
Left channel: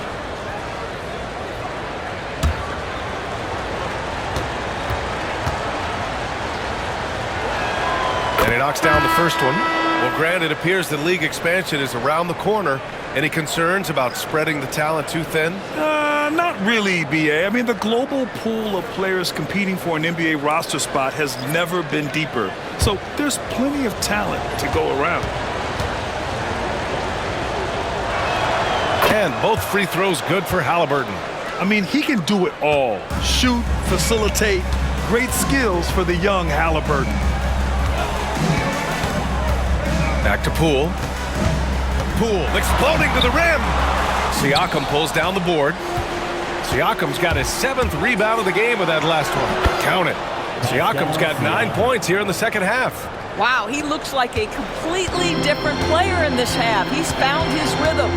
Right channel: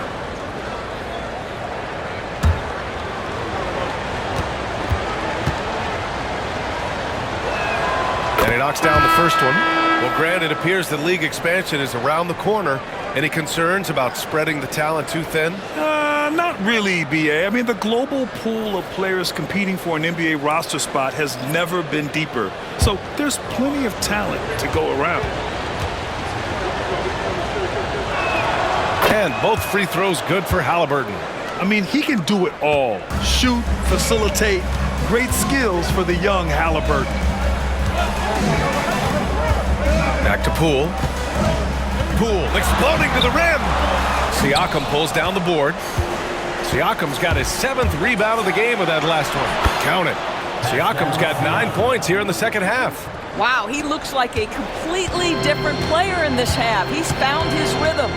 And he knocks down the first one. Well, Grant, it appears that league expansion is around the corner. Any concerns about spreading the talent too thin? Not really, B.A. I mean, the global pool of players competing for an NBA roster spot has never been deeper. So there's plenty of talent to go around. And both free throws good for Halliburton. I mean, he can do it all. Shoot, facilitate, great skills for the young Halliburton. Back to Poole. Poole exploding to the rim. Siakam pulls down the board. Siakam's got his 7th rebound of the game with that last one. Count it. Siakam's got 9 points here in the second half. Wow, he looks like a completely different player in this half. He's found his rhythm.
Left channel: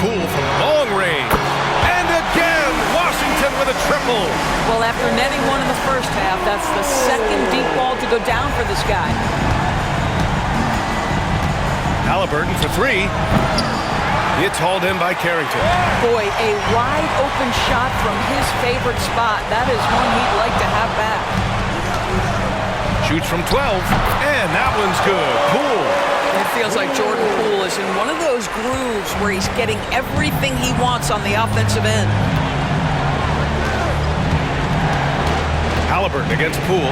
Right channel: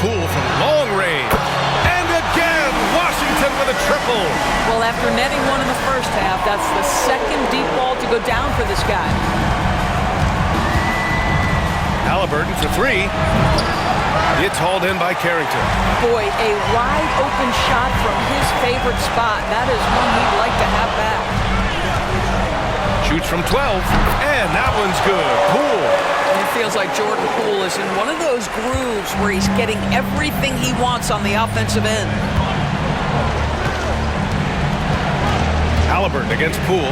Poole from long range. And again. Washington with a triple. Well, after netting one in the first half, that's the second deep ball to go down for this guy. Halliburton for three. It's hauled in by Carrington. Boy, a wide open shot from his favorite spot. That is one he'd like to have back. Shoots from 12, and that one's good. Poole. It feels like Jordan Poole is in one of those grooves where he's getting everything he wants on the offensive end. Halliburton against Poole.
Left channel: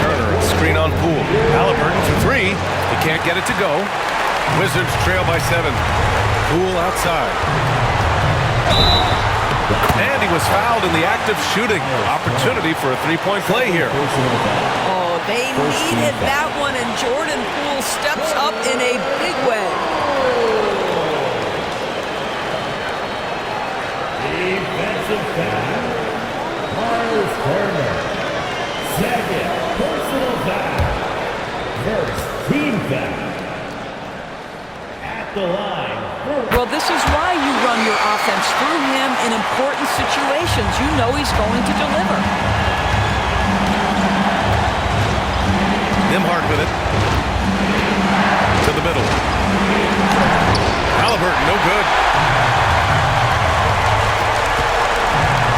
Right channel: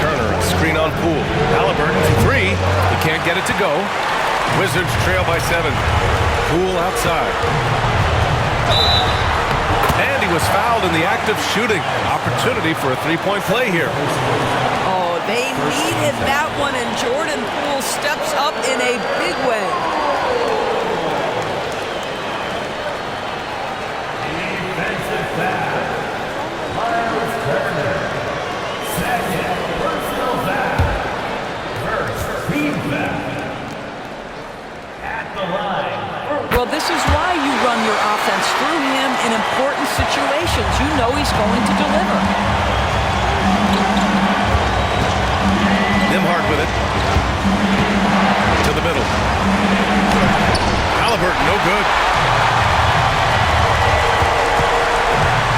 Turner, a screen on Poole. Halliburton for three. He can't get it to go. Wizards trail by 7. Poole outside. And he was fouled in the act of shooting. Opportunity for a three-point play here. Oh, they needed that one, and Jordan Poole steps up in a big way. Defensive foul. Miles Turner. Second personal foul. First team foul. At the line. Well, this is why you run your offense through him in important situations. You know he's going to deliver. Nembhard with it. To the middle. Halliburton, no good.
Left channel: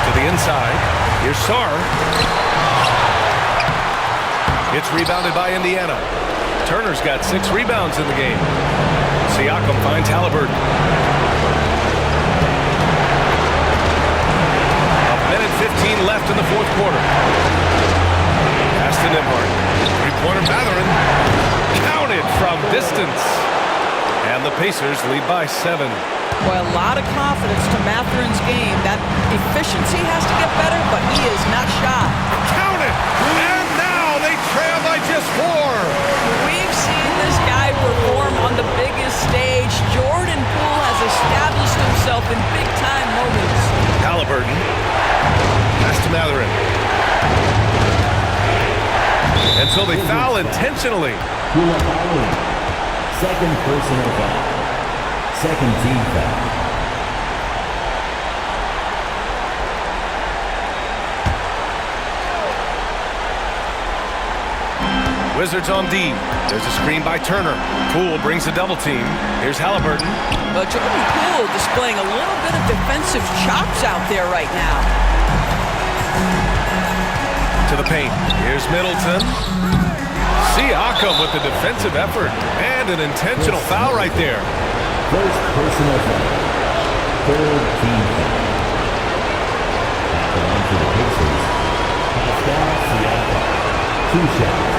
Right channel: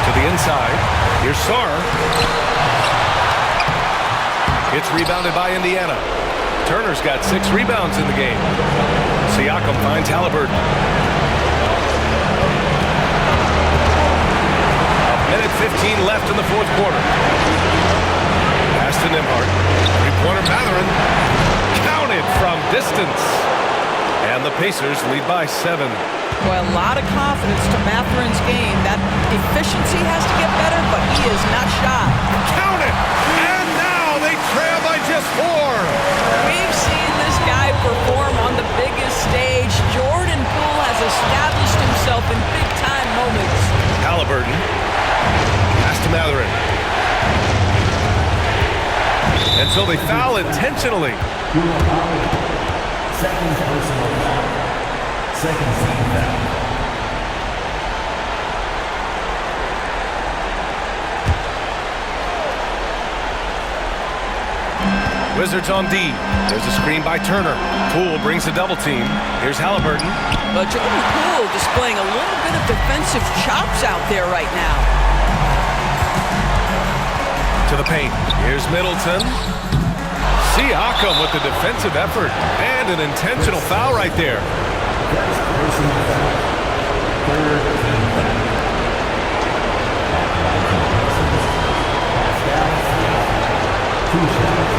To the inside. Here's Sarr. It's rebounded by Indiana. Turner's got 6 rebounds in the game. Siakam finds Halliburton. A minute 15 left in the fourth quarter. Pass to Nembhard. Three-pointer Mathurin. Counted from distance. And the Pacers lead by 7. Boy, a lot of confidence to Mathurin's game. That efficiency has to get better, but he is not shy. Counted! And now they trail by just 4. We've seen this guy perform on the biggest stage. Jordan Poole has established himself in big-time moments. Halliburton. Pass to Mathurin. And so they foul intentionally. Second personal foul. Second team foul. Wizards on D. There's a screen by Turner. Poole brings a double team. Here's Halliburton. But Jordan Poole displaying a little bit of defensive chops out there right now. To the paint. Here's Middleton. Siakam with the defensive effort. And an intentional foul right there. First personal foul. Third team foul. At the line for the Pacers. Pascal Siakam. 2 shots.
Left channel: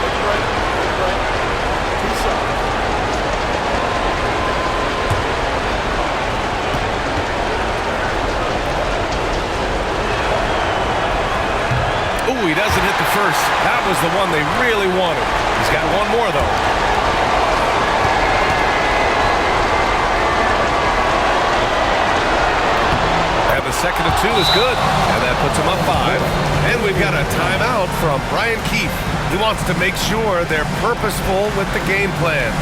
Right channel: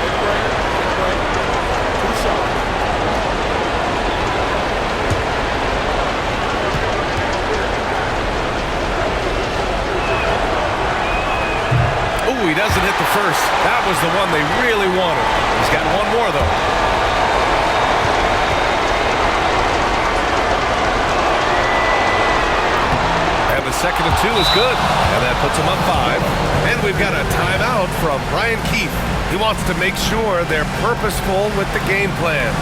Take a break. 2 shots. Ooh, he doesn't hit the first. That was the one they really wanted. He's got one more, though. And the second of 2 is good. And that puts him up 5. And we've got a timeout from Brian Keefe. He wants to make sure they're purposeful with the game plan.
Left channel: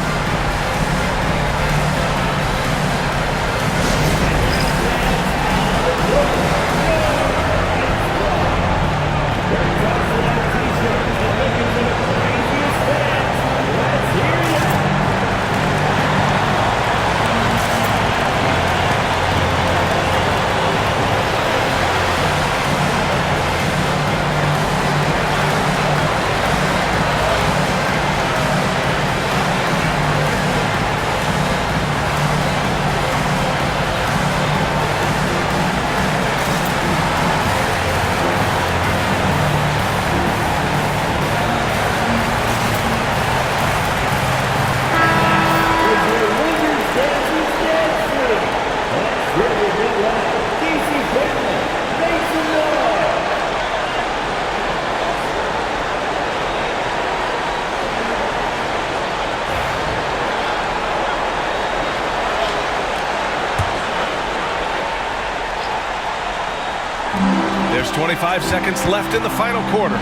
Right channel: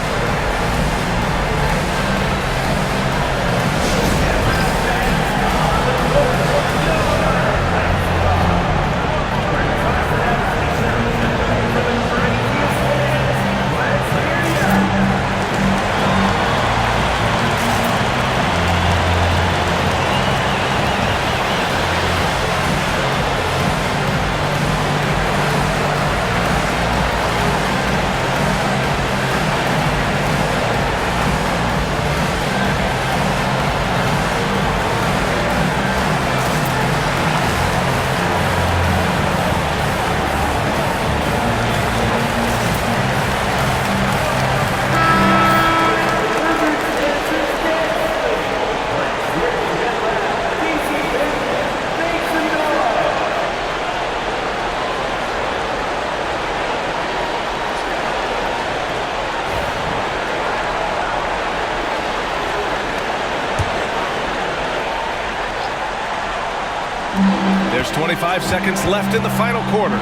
There's 25 seconds left in the final quarter.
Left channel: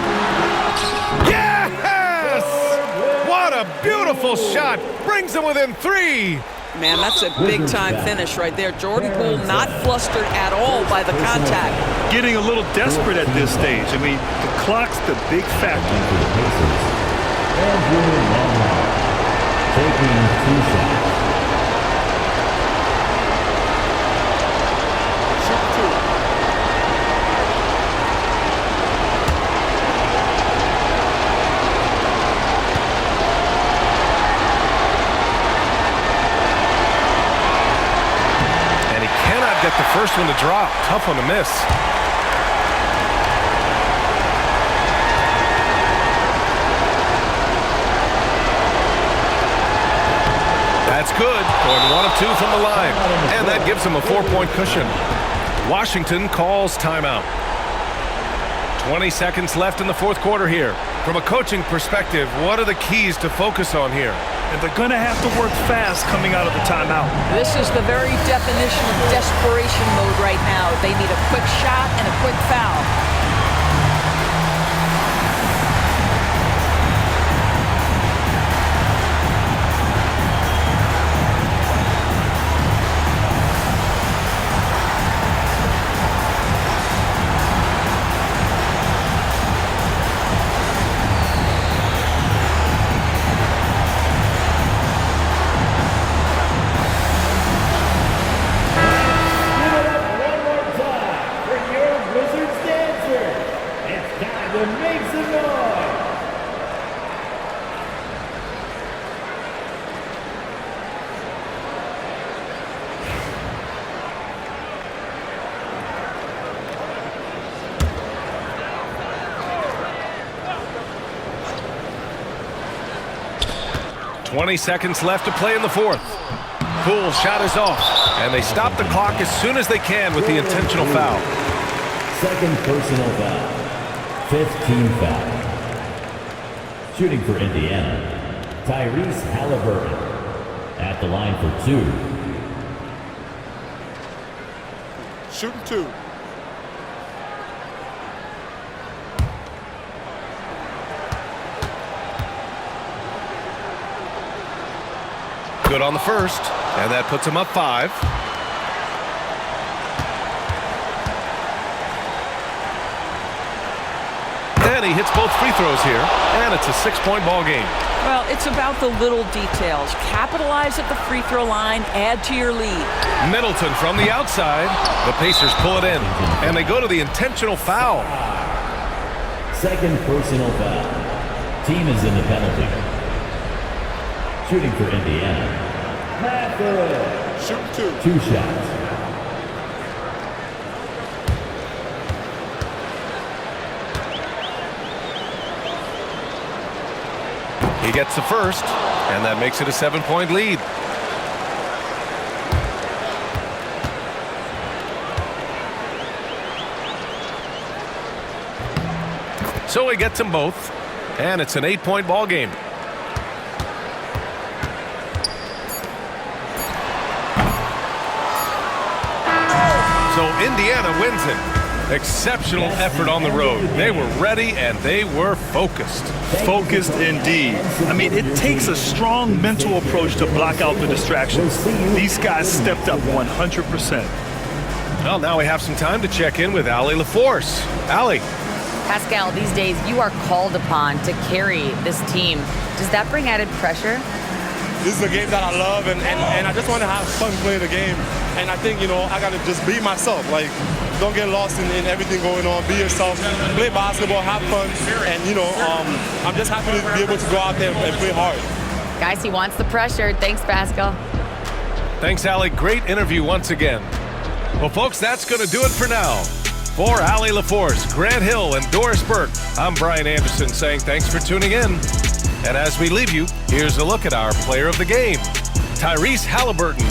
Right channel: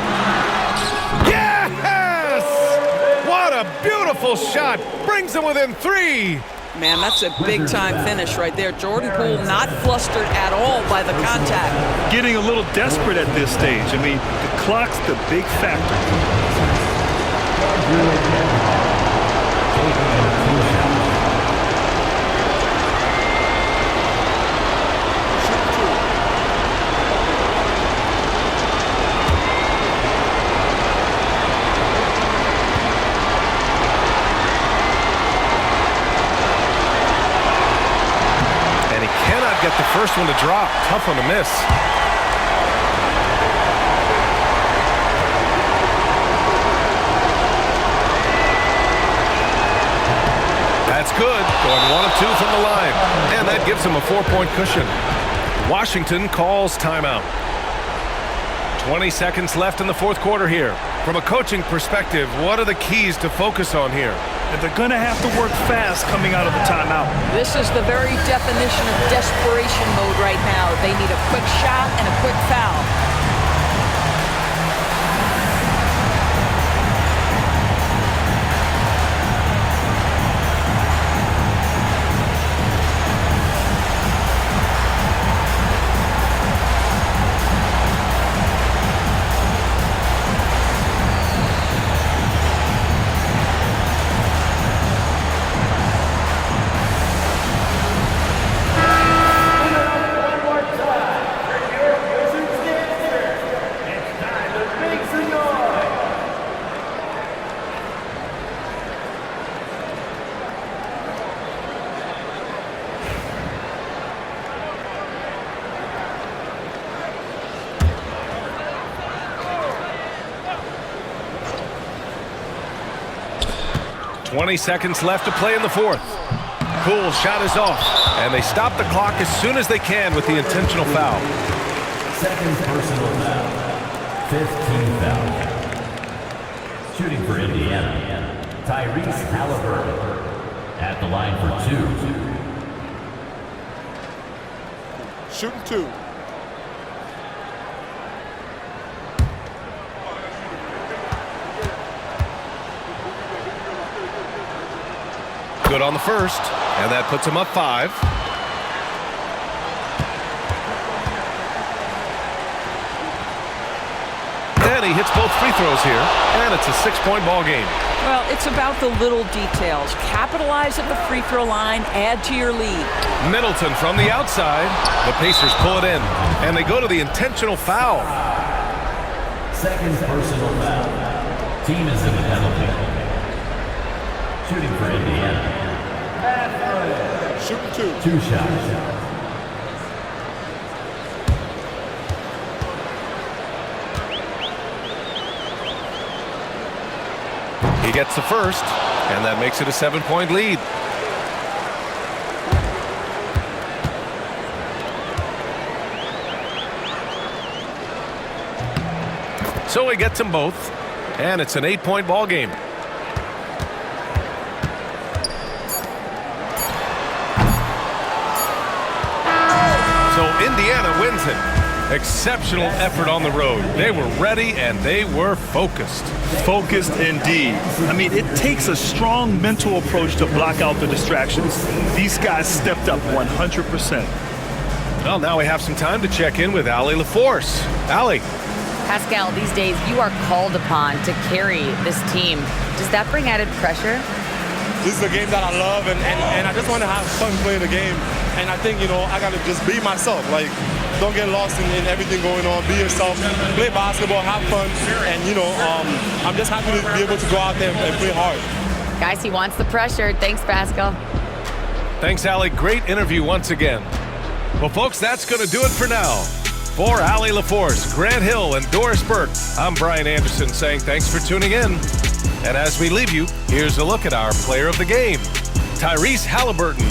Yes! What a beautiful shot. Brings them within 3. Man, that's a big-time finish right there. Jordan Poole not flustered at all by the contact. Getting a little desperate at this stage. I mean, the clock's the big factor. Taking a 2 shot. Shoot 2. And he cannot get the first one to drop. Tough one to miss. That's good. Going 1 of 2 from the line. And that gives him a 4-point cushion. Washington calls timeout. 20 seconds left in the fourth quarter here. From a coaching perspective, what are the keys to focus on here? And they're going to have to work fast coming out of the timeout. This is the very definition of desperation mode right now. They need a quick shot and a quick foul. One more time for your Wizards dancer. It's time to make some noise. Twenty seconds left to play in the fourth. Poole's shot is off, and they stop the clock as soon as they can with the intentional foul. Second personal foul. 5th team foul. Shooting for Indiana, Tyrese Halliburton. At the line for 2. Shooting 2. Good on the first, and that puts him up 5. And he hits both free throws here, and it's a 6-point ball game. Well, it's about the little details. Capitalize at the free throw line, add to your lead. Middleton from the outside. The Pacers pull it in, and they go to the intentional foul. Second personal foul. Team is in the penalty. Shooting for Indiana, Shooting 2. 2 shots. He gets the first, and that makes it a 7-point lead. So he gets them both, and it's an 8-point ball game. So Indiana wins it. Exceptional effort on the road. They were ready and they were focused. Focused indeed. I mean, it takes a strong mental approach to block out the distractions. These guys stepped up 100%. Well, now we have some time to check in with Allie LaForce. Allie. Pascal, these days you are called upon to carry this team. Does that bring added pressure? This is a game that I love, and I just want to have fun playing the game. And I think, I got to just be myself. Like, don't get lost in everything going on. Be yourself. Play basketball, have fun. And, I'm just happy to be able to go out there and play hard. Guys, he wants the pressure. Thanks, Pascal. Thanks, Allie. Great interview once again. Well, folks, that's going to do it for now. For Allie LaForce, Grant Hill, and Doris Burke, I'm Brian Anderson saying thanks for tuning in. And as we leave you, here's a look at our player of the game, Tyrese Halliburton.